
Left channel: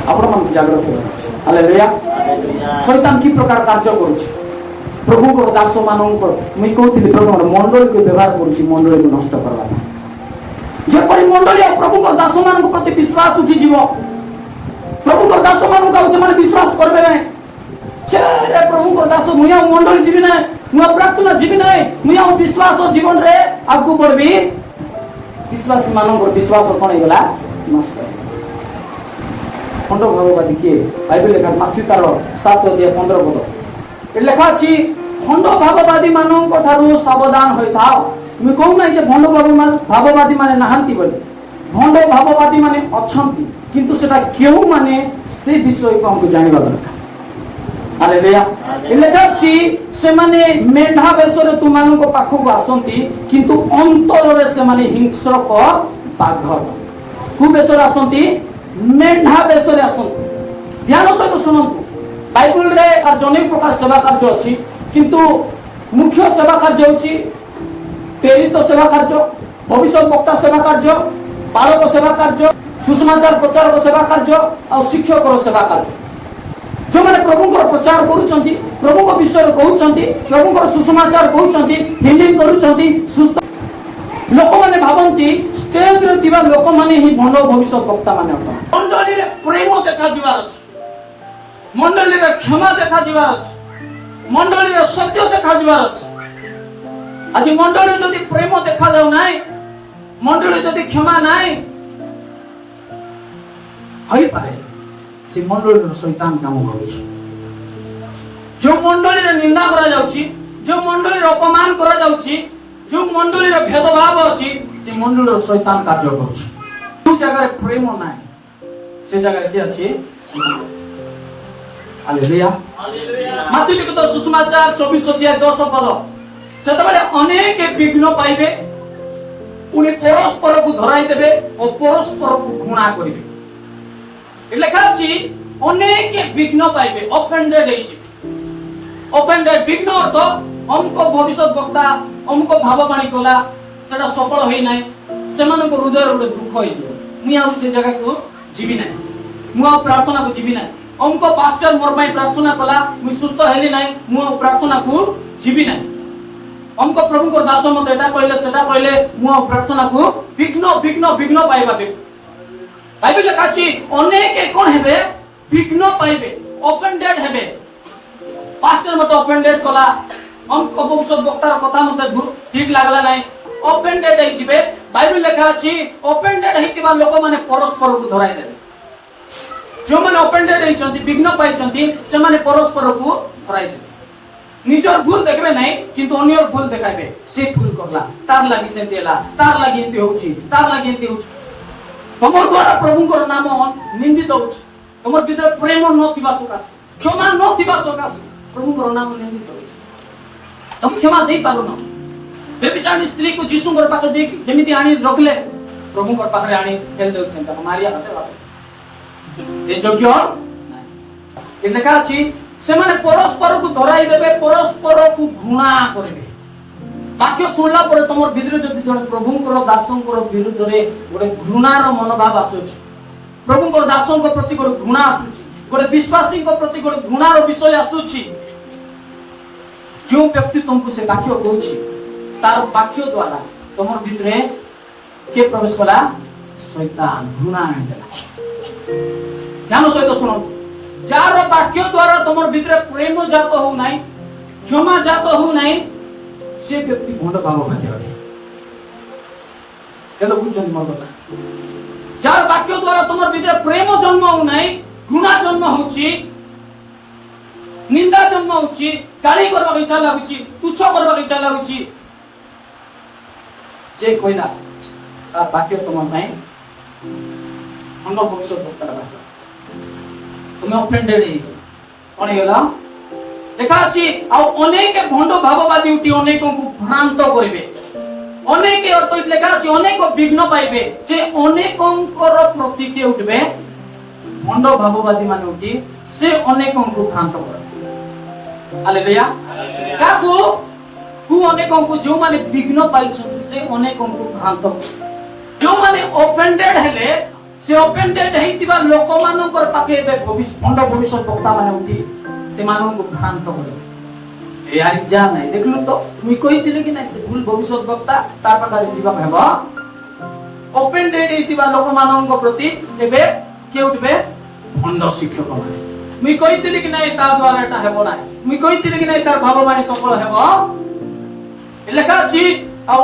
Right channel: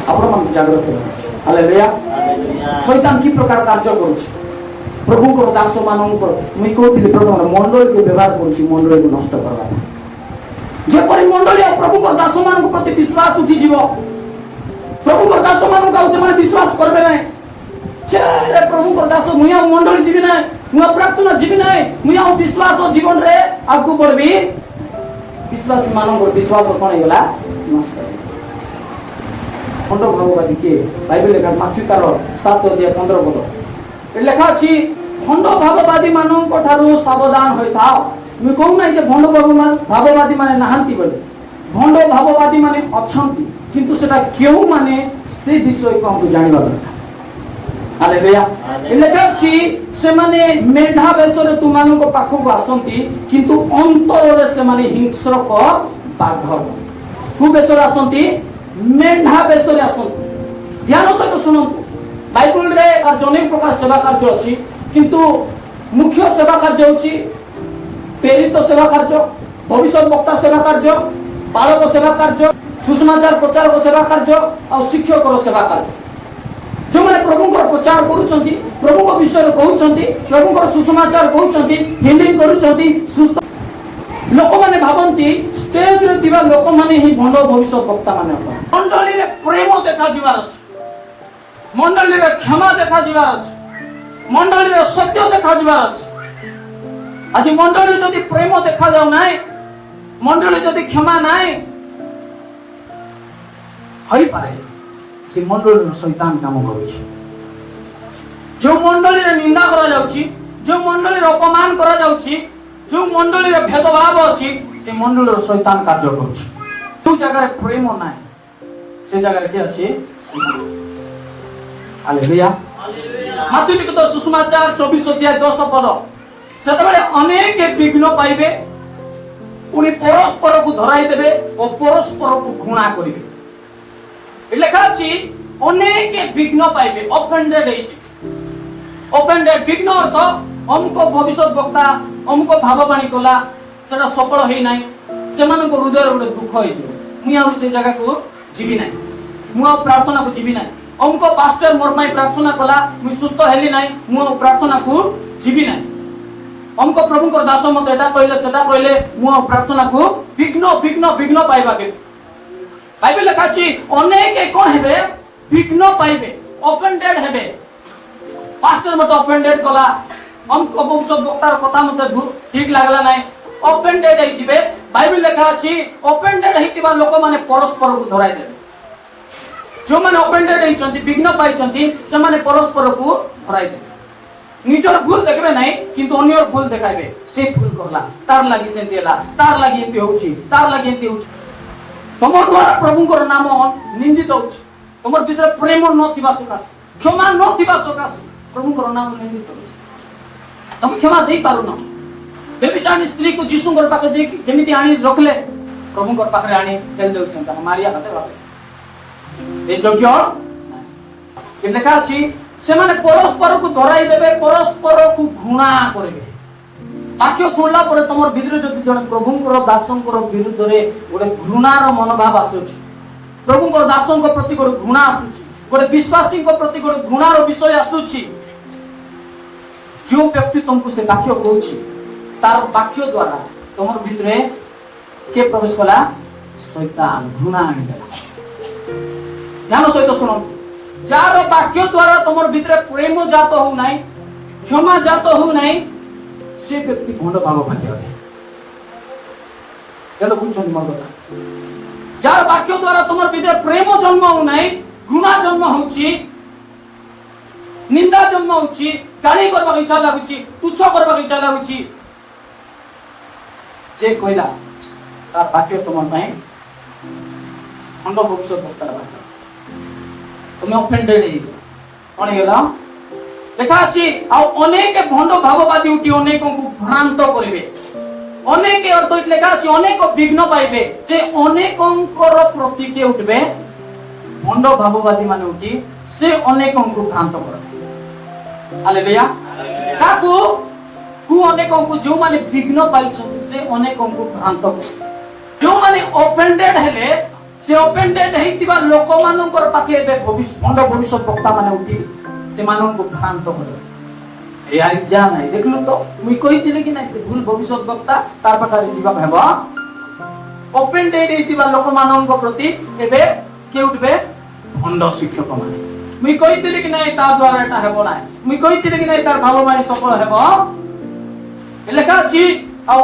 ଆପଣମାନଙ୍କୁ ଜାଗ୍ରତ ହେଉଛି। ହାଲେଲୁୟା। ଶୈତାନ କି ପ୍ରକାର କାର୍ଯ୍ୟ କରୁଛି ପ୍ରଭୁଙ୍କର ଦାସ ମାନଙ୍କ? ମୁଁ କହୁଥିଲି ପ୍ରଥମେ ମଣ୍ଡଳୀକୁ ବ୍ୟବହାର କରୁଛି, ମଣ୍ଡଳୀକୁ ନଷ୍ଟ କରିବା। ଯେପରି ମଣ୍ଡଳୀ प्रभु को दास मान प्रति विश्वास उठी जीव प्रभु को दास मान को विश्वास करबे नहीं रे प्रभु को दास मुया मंडल जीवी ना मुया प्रार्थना जीवी ना मुया विश्वास जीवन रे आगु बढ़बी विश्वासी मान विश्वास कोन गेला नष्ट खंड भाववादी के बाइबल लेखा माथ्यू तार 7:15 पद लेखा अछि खंड भाववादी मानन को थारु सावधान होई थाओ मु कहू नै जे भंड भाववादी माने नाहंती बोले भंड भाववादी माने अछंती किंतु सेटा केउ माने से विषय को हम जानि बाला हालेलुया लेखा अछि से माने मेढा बेसरे तुमानो को पाखो को आसंती किंतु अंतर रे से माने हिंसक बाघ कु बेसरे आसंती मेढा बेसरे आसंती ध्यान सहित सुनंतु बाइबल रे अनेक प्रकार सेवा कार्य अछि किंतु मुख्य सेवा कार्य होछि प्रेरित सेवा कार्य भविष्य वक्ता सेवा कार्य पालक सेवा कार्य सुसमाचार प्रचारक सेवा कार्य और शिक्षक सेवा कार्य जो मैंने प्रभु को प्रचार करूछंती प्रभु को विषय कहउछंती प्रभु को सुसमाचार कहउछंती हिलिंग करूछंती सुस्थ लोक माने भाबंती स्टेज रे थिबा लोक माने ही भंड भविष्य वक्ता माने मंडली रे प्रेम देखा जिवार अछि मंडली रे क्षमा देखा जिवार अछि मंडली रे सत्य देखा जिवार अछि आज मंडली जदि प्रेम देखा जाउ नाय मंडली जदि क्षमा नाय होई पारे से मंडली रे शैतान काम करै जो मंडली रे निंदा करा जाउची जो मंडली रे अपमान करा जाउची जो मंडली रे भेदभाव अछि से मंडली रे शैतान कार्य करै जो जगह रे प्रेम नाय से जगह रे की अछि हालेलुया माथि लिखित सुसमाचार 24:10 पद सेतबेले अनेक विघ्न पाइबे पुनी परस्पर को धराई देबे और परस्पर को घृणा करिवे लेखा अछि अनेक विघ्न पाइबे ऑफेंडेड हेइ ऑफेंडेड विघ्न अर्थ हमको भविष्य वक्ता हमको भाववाणी कला सेटा सफल हेइ नै सेमान को हृदय रे दुख होई जो मु आ से जगह को जीवी नै मु प्रार्थना को जीवी नै हमको पास्टर मोरमाई प्रार्थना कला मु सुस्त हेली नै मु प्रार्थना को जीवी नै हमको प्रभु को दास मत एटा कहले सेटा कहले मु प्रार्थना को विघ्न विघ्न विघ्न पाइबा बे बाइबल लिखा अछि अनेक कोन हेबे विघ्न पाइबे ऑफेंडेड हेबे पास्टर मत ऑफेंडेड कला हमको भविष्य वक्तार कथा मते ठीक लागला नै ऑफेंडेड हे जिबे बाइबल लिखा अछि ऑफेंडेड हेतिबा लोक माने परस्पर को धराई देबे जो माने ऑफेंडेड हेचंती विघ्न पाइचंती से माने परस्पर को धराई देबे निजर भूल देखबे नै किंतु अन्यर भूल देखाबे से भूल करला तार लागि से देला तार लागि एते होछि तार लागि एते होछि तमर द्वारा प्रभु को नाम निंदित होछि तमर भीतर प्रेम न थिबा सकास क्षमा न थिबा सकास प्रभु को नाम निंदित होछि तुम क्षमा देई पारो न बेबिचार स्त्री को यीशु घर पाखे जे जेमिति आनी रखले प्रभु घर पाखे आनी फेल देउछन मारिया हाथे रखले ए योग्य कि लेखा अछि से माने परस्पर को धराई देबे परस्पर को घृणा करबे वाक्य सुनला पर तमर भीतर जति जण प्रभु को दासन को विरुद्ध रे गोटे घृणार मनोभाव आसुछ प्रभु को दासन को प्रति गोटे घृणा आसुछ गोटे विश्वासी को प्रति गोटे घृणार विषय आसुछ जो व्यक्ति तुमको से वाक्य कहूछि तार वाक्य द्वारा तमर भीतर के प्रवेश होला शैतान घृणा आनिला ध्यान सहित सुनो जार वाक्य द्वारा तमर भीतर प्रेम जात हो नाही क्षमा जात हो नाही से व्यक्ति भंड भाव भाग्य है केलो बुझन मन जार वाक्य द्वारा तमर भीतर प्रेम जन्म हो नाही घृणा जन्म होछि निंदा जन्म होछि गाली करबा इच्छा लागुछि तुच्छ करबा इच्छा लागुछि जे कोइला ता वाक्य तमर नाही खंड भविष्य वक्ता तुम ऑफेंडेड हे कोन गेला देखा अछि आ अनेक भंड भाववादी उठी अनेक को भ्रांत करिवे अनेक अर्थ लेखा अछि अनेक विघ्न पाइबे जे अनेकंकर प्रतिके उठबे भंड भाववादी माने उठी से अनेकों को भ्रांत कर हालेलुया काकू कु अनेकों को जो माने विघ्न पाइछन से अनेकों को भ्रांत कर जो माने ऑफेंडेड हेले से ऑफेंडेड हेतिबा लोक मानकर पाखे बे भविष्य वक्ता माने उठी से मानन को भ्रांत करे ए आई जा नै देखलु तो मुई कहितिले कि नै से भूल भविष्य वक्ता तार पाखा जीवा हेबो ओपन डेट हेतिबा लोक माननक प्रति एबे के उठबे भंड शिक्षक माने मुई कहितिली कि नाही ता द्वारा एटा हेबो नाही मुई कहितिली कि नाही तार भगवान सफल हेबो लेखा अछि आ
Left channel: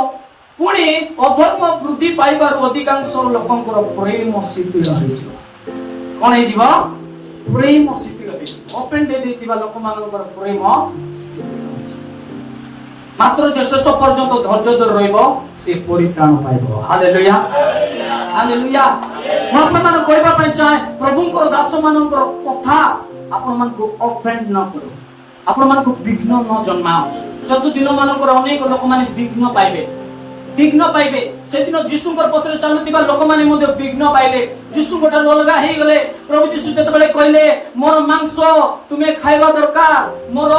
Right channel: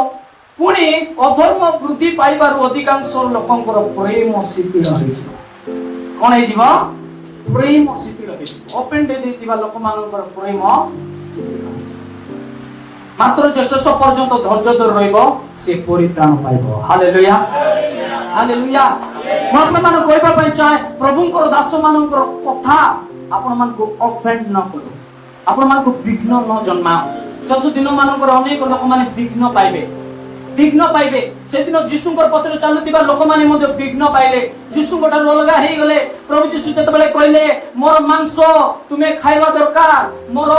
पुणी अधर्म वृद्धि पाइबार अधिकांश लोकंकर प्रेम शिथिल होइछि कोन हे जीव प्रेम शिथिल होइछि ओपन डेट हेतिबा लोक माननक प्रेम मात्र जे शेष पर्यंत धैर्य धर रहइबो से परित्राण पाइबो हालेलुया हालेलुया म आपन कहबा पय चाहे प्रभुंकर दास मानकर कथा आपन मन को ऑफेंड न करो आपन मन को विघ्न न जन्मा शेष दिन मानकर अनेक लोक माने विघ्न पाइबे से दिन यीशुंकर पत्र चालुतिबा लोक माने मध्ये विघ्न पाइले यीशु गोटार अलगा हे गले प्रभु यीशु केतबेले कहले मोर मांस तुमे खाइबा दरकार मोर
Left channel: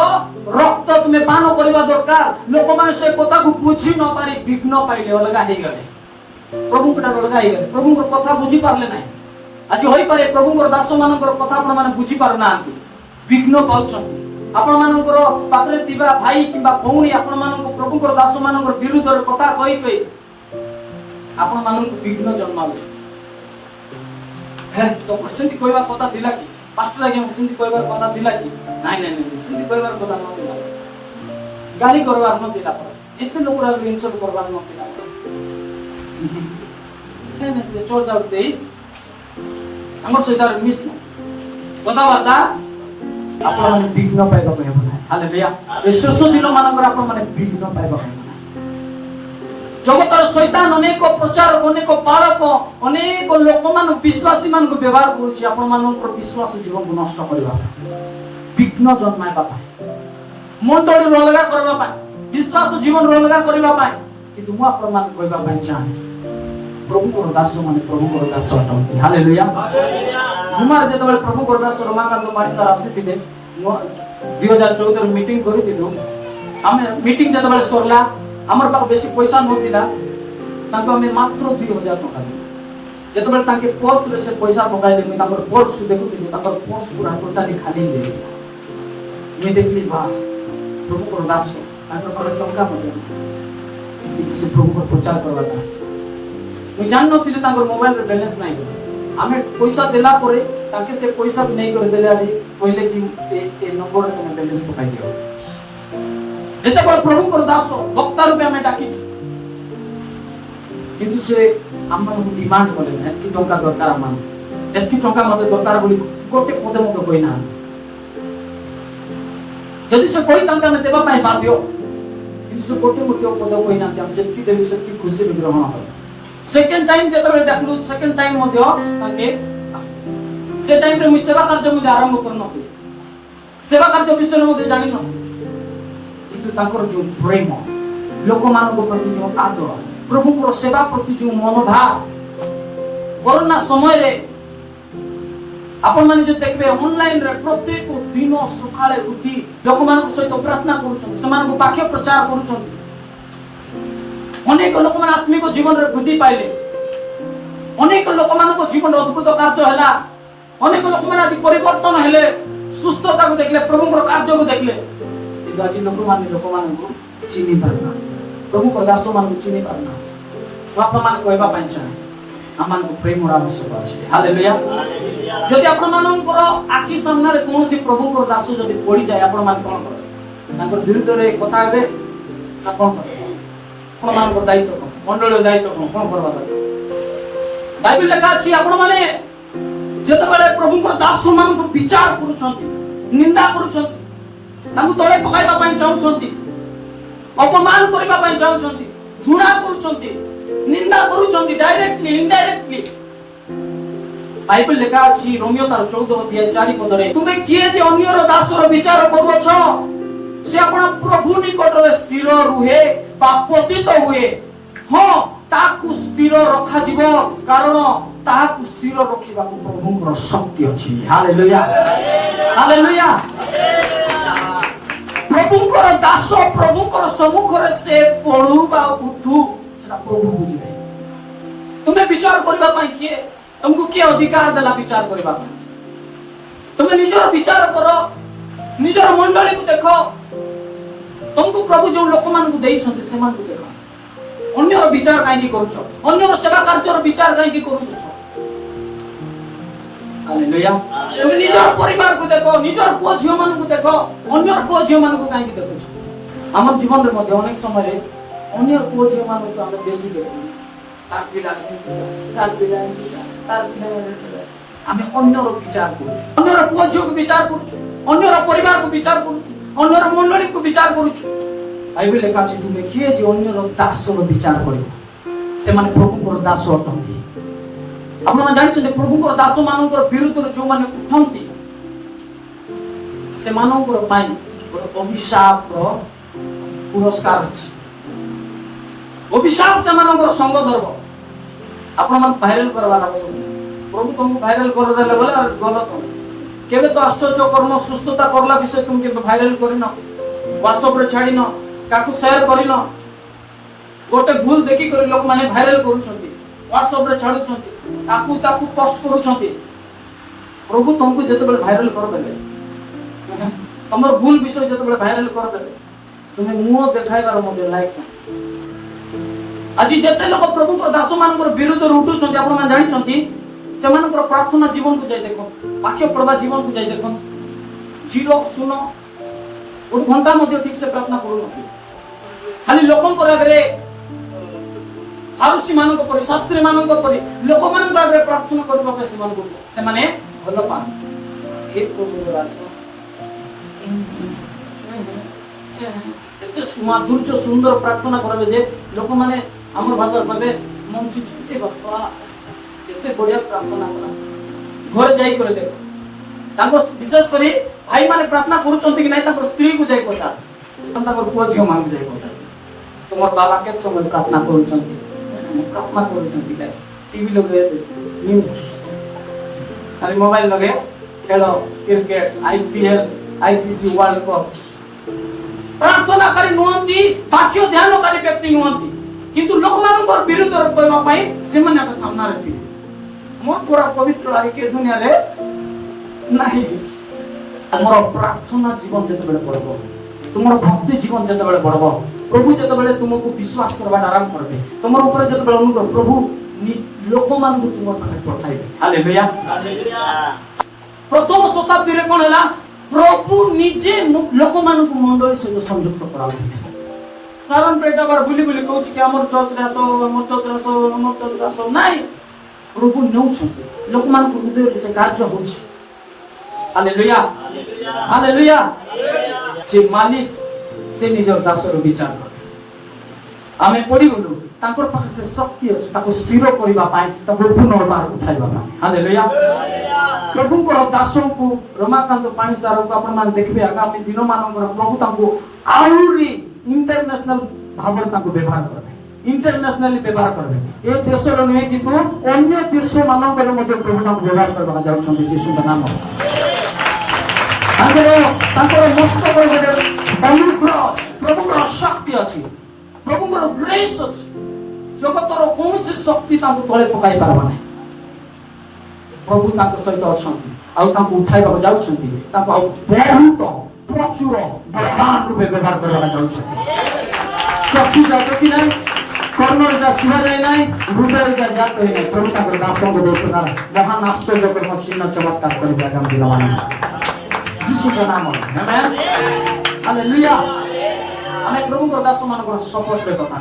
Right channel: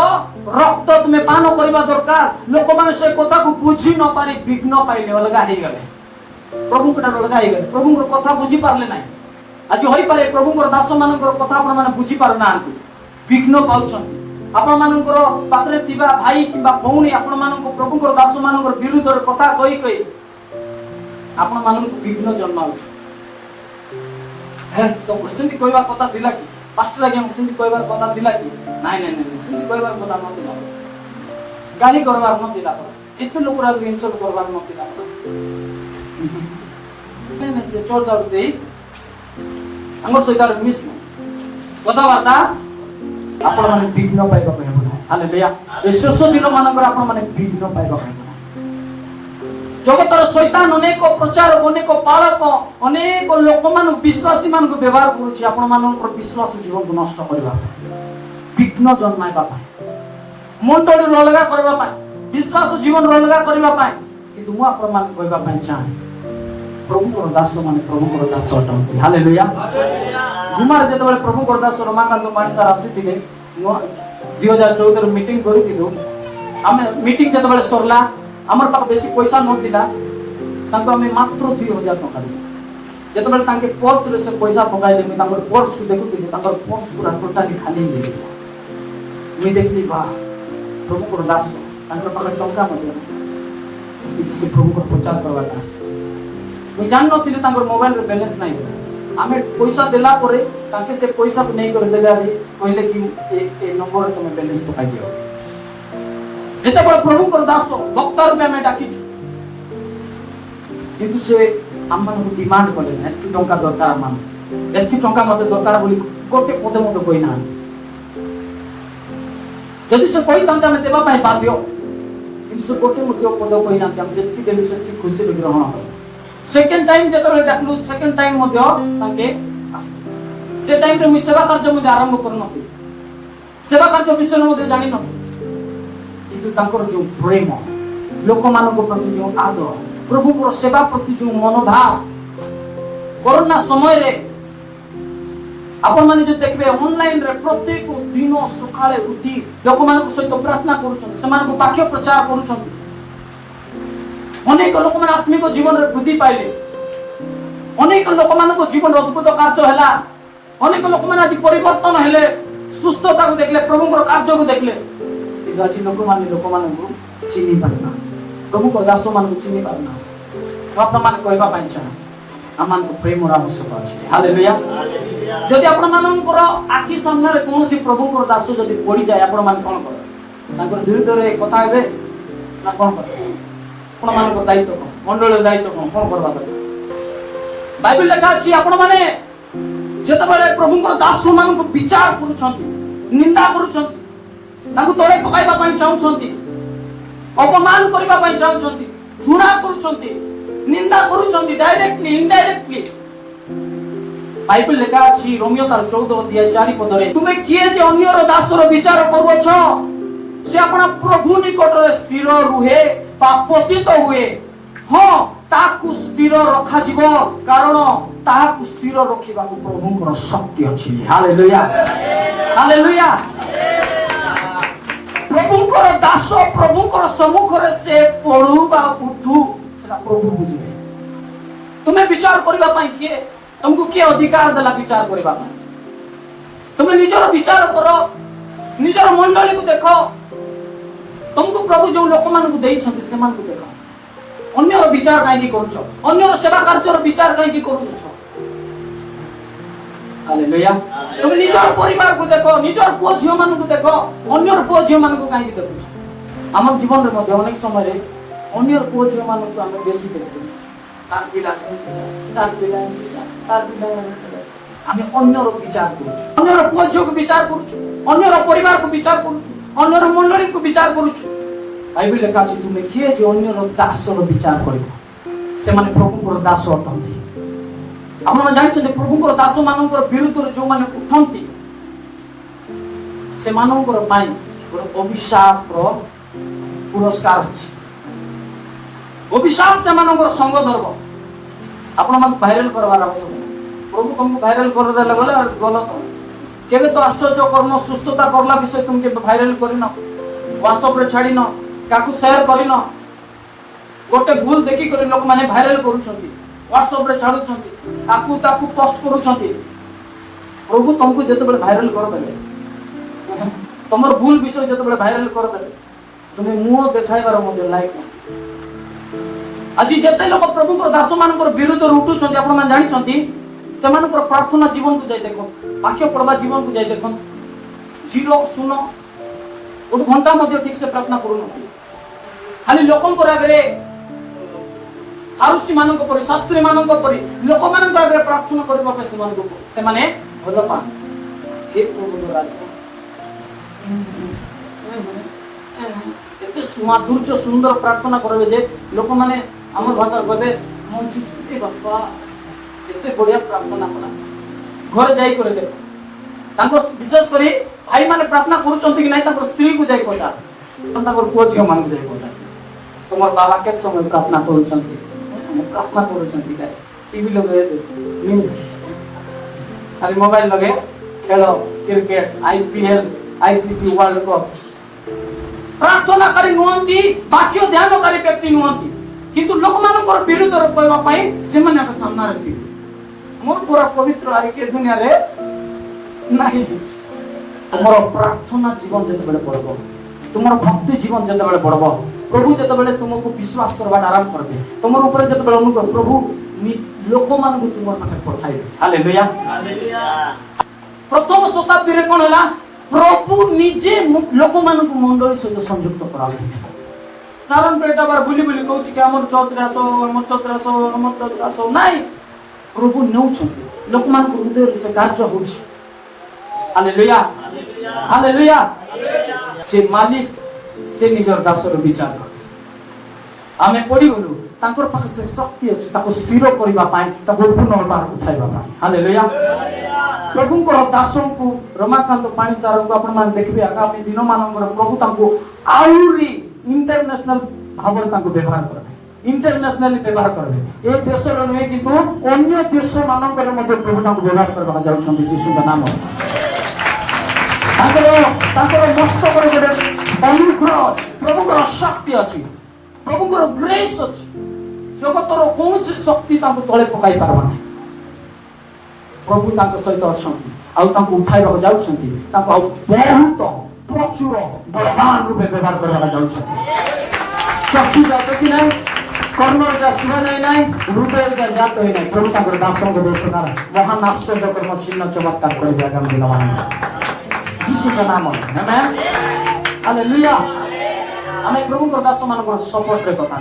रक्त तुमे पान करबा दरकार लोक माने से कथा को बुझी न पारी विघ्न पाइले अलगा हे गले प्रभु गोटार अलगा हे गले प्रभु को कथा बुझी पारले नाही आज होई पारे प्रभु को दास मानकर कथा आपण माने बुझी पारु नांती विघ्न पाउछन आपण मानकर पात्रे थिबा भाई किबा भौणी आपण मानक प्रभु को दास मानकर विरुद्ध कथा कहि आपण मानक विघ्न जन्माउछ हे तो प्रसंगी कहबा कथा थिला कि पास्टर आज्ञा प्रसंगी कहबा कथा थिला कि नाही नाही प्रसंगी कहबा कथा नथिला गाली करबार नथिला एते लोकरा इन्सल्ट करबार नथिला ने से चोर जाउ देई हमर सहित मिस कथाबार्ता आपण माने विघ्न पाइबा कहबो हालेलुया ए शेष दिन मानकर आपण माने विघ्न पाइबा जगतर शैतान अनेक प्रचार अनेक पालक अनेक लोक मान विश्वासी मान को व्यवहार करूछि आपण मानकर विश्वास जीवन को नष्ट करबा विघ्न जन्माइबा मंडली अलगा करबा पाए विश्वास जीवन अलगा करबा पाए किंतु मु आपण मान कहबा पाए चाहे प्रभु को दास मान प्रभु को दास हालेलुया हिमार जेतबेले प्रभु को दास रमाकांत मानसार आसीथिबे 2014 मीटिंग करिथिलु आमे मीटिंग जेतबेले सरला हमर पाख बेसी पैसा नथिला तांको हम मात्र 2000 टका जेतबेले तांके पर्स रे से पैसा पकाइले मी तांकर पर्स को देखुथिलि तांकर पर्स पूरा टोटली खाली हे मी देखली बा प्रभु को दास तांकर पाख टका नथिला किछि से प्रभु को प्रचार करबा मी जान नथिलि तांकर मोबाइल रे बैलेंस नाही आमे पैसा देला परे तांके से पैसा नहीं कर देले रे कहले कि ए नंबर रे तुम बैलेंस पकाइ दियो एते बड़ प्रभु को दास भक्त रूपे हमें डाकी किंतु से हमन डिमांड करले एतकी टका दरकार मान एतकी टका मते दरकार बोली कोटे पदे मते कोइ ना यदि से कोइ तांका में देबा पाई बाध्य किंतु से कोटे मते पद कोइ ना हम जेतकी देबी सेतकी खुशी ग्रहण कर सेकंड टाइम जेतबे देखलु सेकंड टाइम मते ताके से टाइम रे मि सेवा कार्य मध्ये आरंभ करनथि सेवा कार्य विषय मध्ये जानि न किंतु तांकर जो प्रेम लोक मानक प्रति जो आदर प्रभु को सेवा प्रति जो मनोभाव कोरोना समय रे आपण माने जो देखबे ऑनलाइन रे प्रत्येक दिन सकाळे उठी लोक मानक सहित प्रार्थना करूछन समान को वाक्य प्रचार करूछन अनेक लोक मान आत्मिक जीवन रे वृद्धि पाइले अनेक लोक मानक जीवन अद्भुत कार्य हैला अनेक लोक मान आज परिवर्तन हेले सुस्थता को देखले प्रभु को कार्य को देखले आज लोक मान को चिनी पारना प्रभु को दास मान को चिनी पारना आपण मान को एबा पाइन छन आमान को प्रेम और आवश्यकता अछि हालेलुया जदि आपण मानकर आखि सामने रे कोनोसी प्रभु को दास जदि पड़ी जाय आपण मान कोन कर ताको विरुद्ध रे कथा हेबे आपण आपण मान को दायित्व मंडल दायित्व कोन करबा बाइबल लेखा अछि आपण माने जेतबेले प्रभु को दास मान को विचार करूछंती निंदा करूछंती ताको तळे पकाइबा पई चाहुछंती अपमान करबा पई चाहुछंती घृणा करूछंती निंदा करूछंती डायरेक्टली इनडायरेक्टली बाइबल लेखा अछि रोमियो तार 14 अध्याय 4 पद रे तुमे किए जे अन्यर दासर विचार करबछ से अपना प्रभु निकट रे स्थिर रुहे बा पतित हुए हां ताकू स्थिर रखा जीवो कारण ताकू स्थिर रखिबा प्रभुଙ୍କର शक्ति अछि हालेलुया हालेलुया प्रभुଙ୍କର दास प्रभुଙ୍କର सम्मुख रे से पळु बा उठू सेटा प्रभु बुझिबे तुमे विचार करबा पई किए तुमको के अधिकार देला विचार करबा तुमे निजर विचार करो निजर मंडली को देखो तुमको प्रभु जो लोक मान को देई छथि समान को देखो ଅନ୍ୟର ବିଚାର କାହିଁକି କରୁଛ? ଅନ୍ୟର ସେବା କାର୍ଯ୍ୟର ବିଚାର କାହିଁକି କରୁଛ? ହାଲେଲୁୟା। তুমি নিজের পরিবারକୁ দেখো, নিজের পুଅ ঝିଅ ମାନଙ୍କୁ ଦେଖ, ଅନ୍ୟର ପୁଅ ଝିଅ ମାନଙ୍କୁ କାହିଁକି ଦେଖୁଛ? ଆମ ଜୀବନରେ ମଧ୍ୟ ଅନେକ ସମୟରେ ଅନ୍ୟର ପୁଅ ଝିଅ ମାନଙ୍କୁ ଆମେ ବେଶୀ ଦେଖୁ। ତାର ପିଲା ସେମିତି, ତାର ପିଲା ଏମିତି, ତାର ପିଲା ଏମିତି। ଆମେ ଅନ୍ୟର ବିଚାର କରୁଛୁ, ଅନ୍ୟର ପୁଅ ଝିଅକୁ ବିଚାର କରୁଛୁ, ଅନ୍ୟର ପରିବାରକୁ ବିଚାର କରୁଛୁ, ଅନ୍ୟର ମଣ୍ଡଳୀକୁ ବିଚାର କରୁଛୁ। ବାଇବେଲ ଲେଖା ଅଛି, ତୁମେ କିଏ ଯେ ଅନ୍ୟର ଦାସର ବିଚାର କରିବ, ସେମାନେ ପ୍ରଭୁଙ୍କର ଦାସ ଅଟନ୍ତି। ଆପଣ ଜାଣିଛନ୍ତି ପ୍ରଭୁଙ୍କର ଦାସ ମାନଙ୍କର ବିରୁଦ୍ଧରେ ଯୋଉମାନେ ଉଠନ୍ତି ସେମାନଙ୍କର ପାଇଁ ଅଭିଶାପର ପୁରସ୍କାର ଅଛି। ଅଭିଶାପ ସେମାନଙ୍କର ସଙ୍ଗ ଧର୍ମ। ଆପଣ ମାନେ ଭାଇରାଲ କରବାର ଆବଶ୍ୟକ। ପ୍ରଭୁ ତମକୁ ଭାଇରାଲ କରିଦେଲେ ବୋଲେ ଗଲ ତମ। କେବେ ତ ଆଶ୍ଚର୍ଯ୍ୟ କର୍ମ ସୁସ୍ଥତା କରଲା ବିଷୟ ତୁମେ କେବେ ଭାଇରାଲ କରିନ, ହ୍ୱାଟ୍ସଆପରେ ଛାଡ଼ିନ, କାହାକୁ ସେୟାର କରିନ। ଗୋଟେ ଭୁଲ ଦେଖିକରି ଲୋକମାନେ ଭାଇରାଲ କରୁଛନ୍ତି, ହ୍ୱାଟ୍ସଆପରେ ଛାଡୁଛନ୍ତି, ତାକୁ ପୋଷ୍ଟ କରୁଛନ୍ତି। ପ୍ରଭୁ ତମକୁ ଯେତେବେଳେ ଭାଇରାଲ କରିଦେଲେ, ତମର ଭୁଲ ବିଷୟ ଯେତେବେଳେ ଭାଇରାଲ କରିଦେଲେ, ତୁମେ ମୁହଁ ଦେଖାଇବାର ମଧ୍ୟ ଲାୟକ ନାହିଁ। ଆଜି ଯେତେ ଲୋକ ପ୍ରଭୁଙ୍କର ଦାସ ମାନଙ୍କର ବିରୁଦ୍ଧରେ ଉଠୁଛନ୍ତି, ଆପଣ ମାନେ ଜାଣିଛନ୍ତି ସେମାନଙ୍କର ପ୍ରାର୍ଥନା ଜୀବନକୁ ଯାଇ ଦେଖ, ବାକ୍ୟ ପଢବା ଜୀବନକୁ ଯାଇ ଦେଖ, 0 0 ଗୋଟେ ଘଣ୍ଟା ମଧ୍ୟ ଠିକ ସେ ପ୍ରାର୍ଥନା କରୁନଥିବେ। ଖାଲି ଲୋକଙ୍କର ଆଗରେ, ଆରୁଷି ମାନଙ୍କ ପରି, ଶାସ୍ତ୍ରୀ ମାନଙ୍କ ପରି ଲୋକମାନଙ୍କ ଆଗରେ ପ୍ରାର୍ଥନା କରିବା ପାଇଁ ସେମାନେ ଭଲ ପାଆନ୍ତି। ହେ ପ୍ରଭୁଙ୍କ ରାଜ, ଏତେ ମାଧୁର୍ଯ୍ୟ ସୁନ୍ଦର ପ୍ରାର୍ଥନା କରିବେ ଯେ ଲୋକମାନେ ଆମ ଭାଷାରେ କହିବେ ଏତେ ବଢିଆ ପ୍ରାର୍ଥନା କଲା। ଘରେ ଯାଇ କରି ଦେଖ, ତାଙ୍କ ବିଶେଷ କରି ଭାଇ ମାନେ ପ୍ରାର୍ଥନା କରୁଛନ୍ତି କି ନାହିଁ ତାଙ୍କ ସ୍ତ୍ରୀକୁ ଯାଇ ପଚାର, ତାଙ୍କର ପୁଅ ଝିଅ ମାନଙ୍କୁ ଯାଇ ପଚାର, ତୁମର ବାବା କେତେ ସମୟ ପ୍ରାର୍ଥନା କରୁଛନ୍ତି, ପ୍ରାର୍ଥନା କରୁଛନ୍ତି, टीवी लगे न्यूज, खाली मोबाइल लगे खेल cricket, IPL, ICC world cup. प्रार्थना करी नुहंती, बाक्य ध्यानकारी व्यक्ति नुहंती, किंतु लोकमानकर विरुद्ध कहबा पई सेमाने आप सामना रखि मोर पूरा पवित्र आके दुनिया रे नाही। हमर प्रार्थना जीवन जेतबेले पड़बो, तुमर भक्ति जीवन जेतबेले पड़बो, प्रभु जेतबेले तुमको विश्वास करबा आरंभ करबे, तुमर ऊपर जेतबेले उनको प्रभु लोकमान को तुमर माने पठाइबे। Hallelujah hallelujah. प्रथम शताब्दी रे कोन हला, प्रभु निजे लोकमान को मंडल से संयुक्त कराउथि। सारण पेटा बार बुली बुली कहूची कि हमर चौथ रे आसो, हमर चौथ रे आसो, हमर चौथ रे आसो नाही। प्रभु नउछु लोकमान को हृदय से कार्य होछि। Hallelujah hallelujah. जे मालिक से निजर दासर विचार आमे पढि गलु, ताकर पाखे से शक्ति अछि ताको स्थिर करिबा पाए, ताको पुनर्बार उठाइबा पाए। हालेलुया। प्रभुଙ୍କର ଦାସଙ୍କୁ ରମାକାନ୍ତ ପାଣି ସାରଙ୍କୁ ଆପଣ ମାନେ ଦେଖିବେ ଆଗାମୀ ଦିନ ମାନଙ୍କର ପ୍ରଭୁ ତାଙ୍କୁ ଆହୁରି ଇଣ୍ଟରନ୍ୟାସନାଲ ଭାବରେ ତାଙ୍କୁ ବ୍ୟବହାର କରିବେ, ଇଣ୍ଟରନ୍ୟାସନାଲି ବ୍ୟବହାର କରିବେ। ଏ ଦେଶର ନୁହେଁ କିନ୍ତୁ ଅନ୍ୟ ଦେଶ ମାନଙ୍କରେ ମଧ୍ୟ ପ୍ରଭୁ ତାଙ୍କୁ ବ୍ୟବହାର କରିବାକୁ ଯାଉଛନ୍ତି ଯୀଶୁଙ୍କ ନାମରେ। ତାଙ୍କର ମସ୍ତକରେ ଗୋଟେ ଅନୁଗ୍ରହ ଅଛି, ପ୍ରଭୁଙ୍କର ଶକ୍ତି ଅଛି, ପ୍ରଭୁଙ୍କର ଗ୍ରେସ୍ ଅଛି। ଜଗତର କୌଣସି ଶକ୍ତି ତାଙ୍କୁ ତଳେ ପକାଇ ପାରିବ ନାହିଁ। प्रभु तांको सहित अछंती आउ तांको उठाइବାକୁ ଯାଉଛନ୍ତି, ତାଙ୍କୁ ଆଉ ବହୁତ ପ୍ରଚୁର ବଳବାନ ରୂପେ ବ୍ୟବହାର କରିବାକୁ ଯାଉଛନ୍ତି। ଚକ୍ଷୁ ଯା ଦେଖି ନାହିଁ, କର୍ଣ୍ଣ ଯା ଶୁଣା ଯାଇ ନାହିଁ, ହୃଦୟ ଯା ଜାତ ହୋଇ ନାହିଁ, ପ୍ରଭୁ ତାଙ୍କ ଦାସଙ୍କ ଦେଶନା ମହାନ ଆଶ୍ଚର୍ଯ୍ୟ କର୍ମ ଚିହ୍ନ ଚମତ୍କାର କରିବେ ଆଗାମୀ ଦିନମାନେ ଯୀଶୁଙ୍କ ନାମ। ଆମେନ୍ ହାଲେଲୁୟା। ଆମେ ପ୍ରଭୁଙ୍କ ଦାସମାନଙ୍କର ସପୋର୍ଟରେ କଥା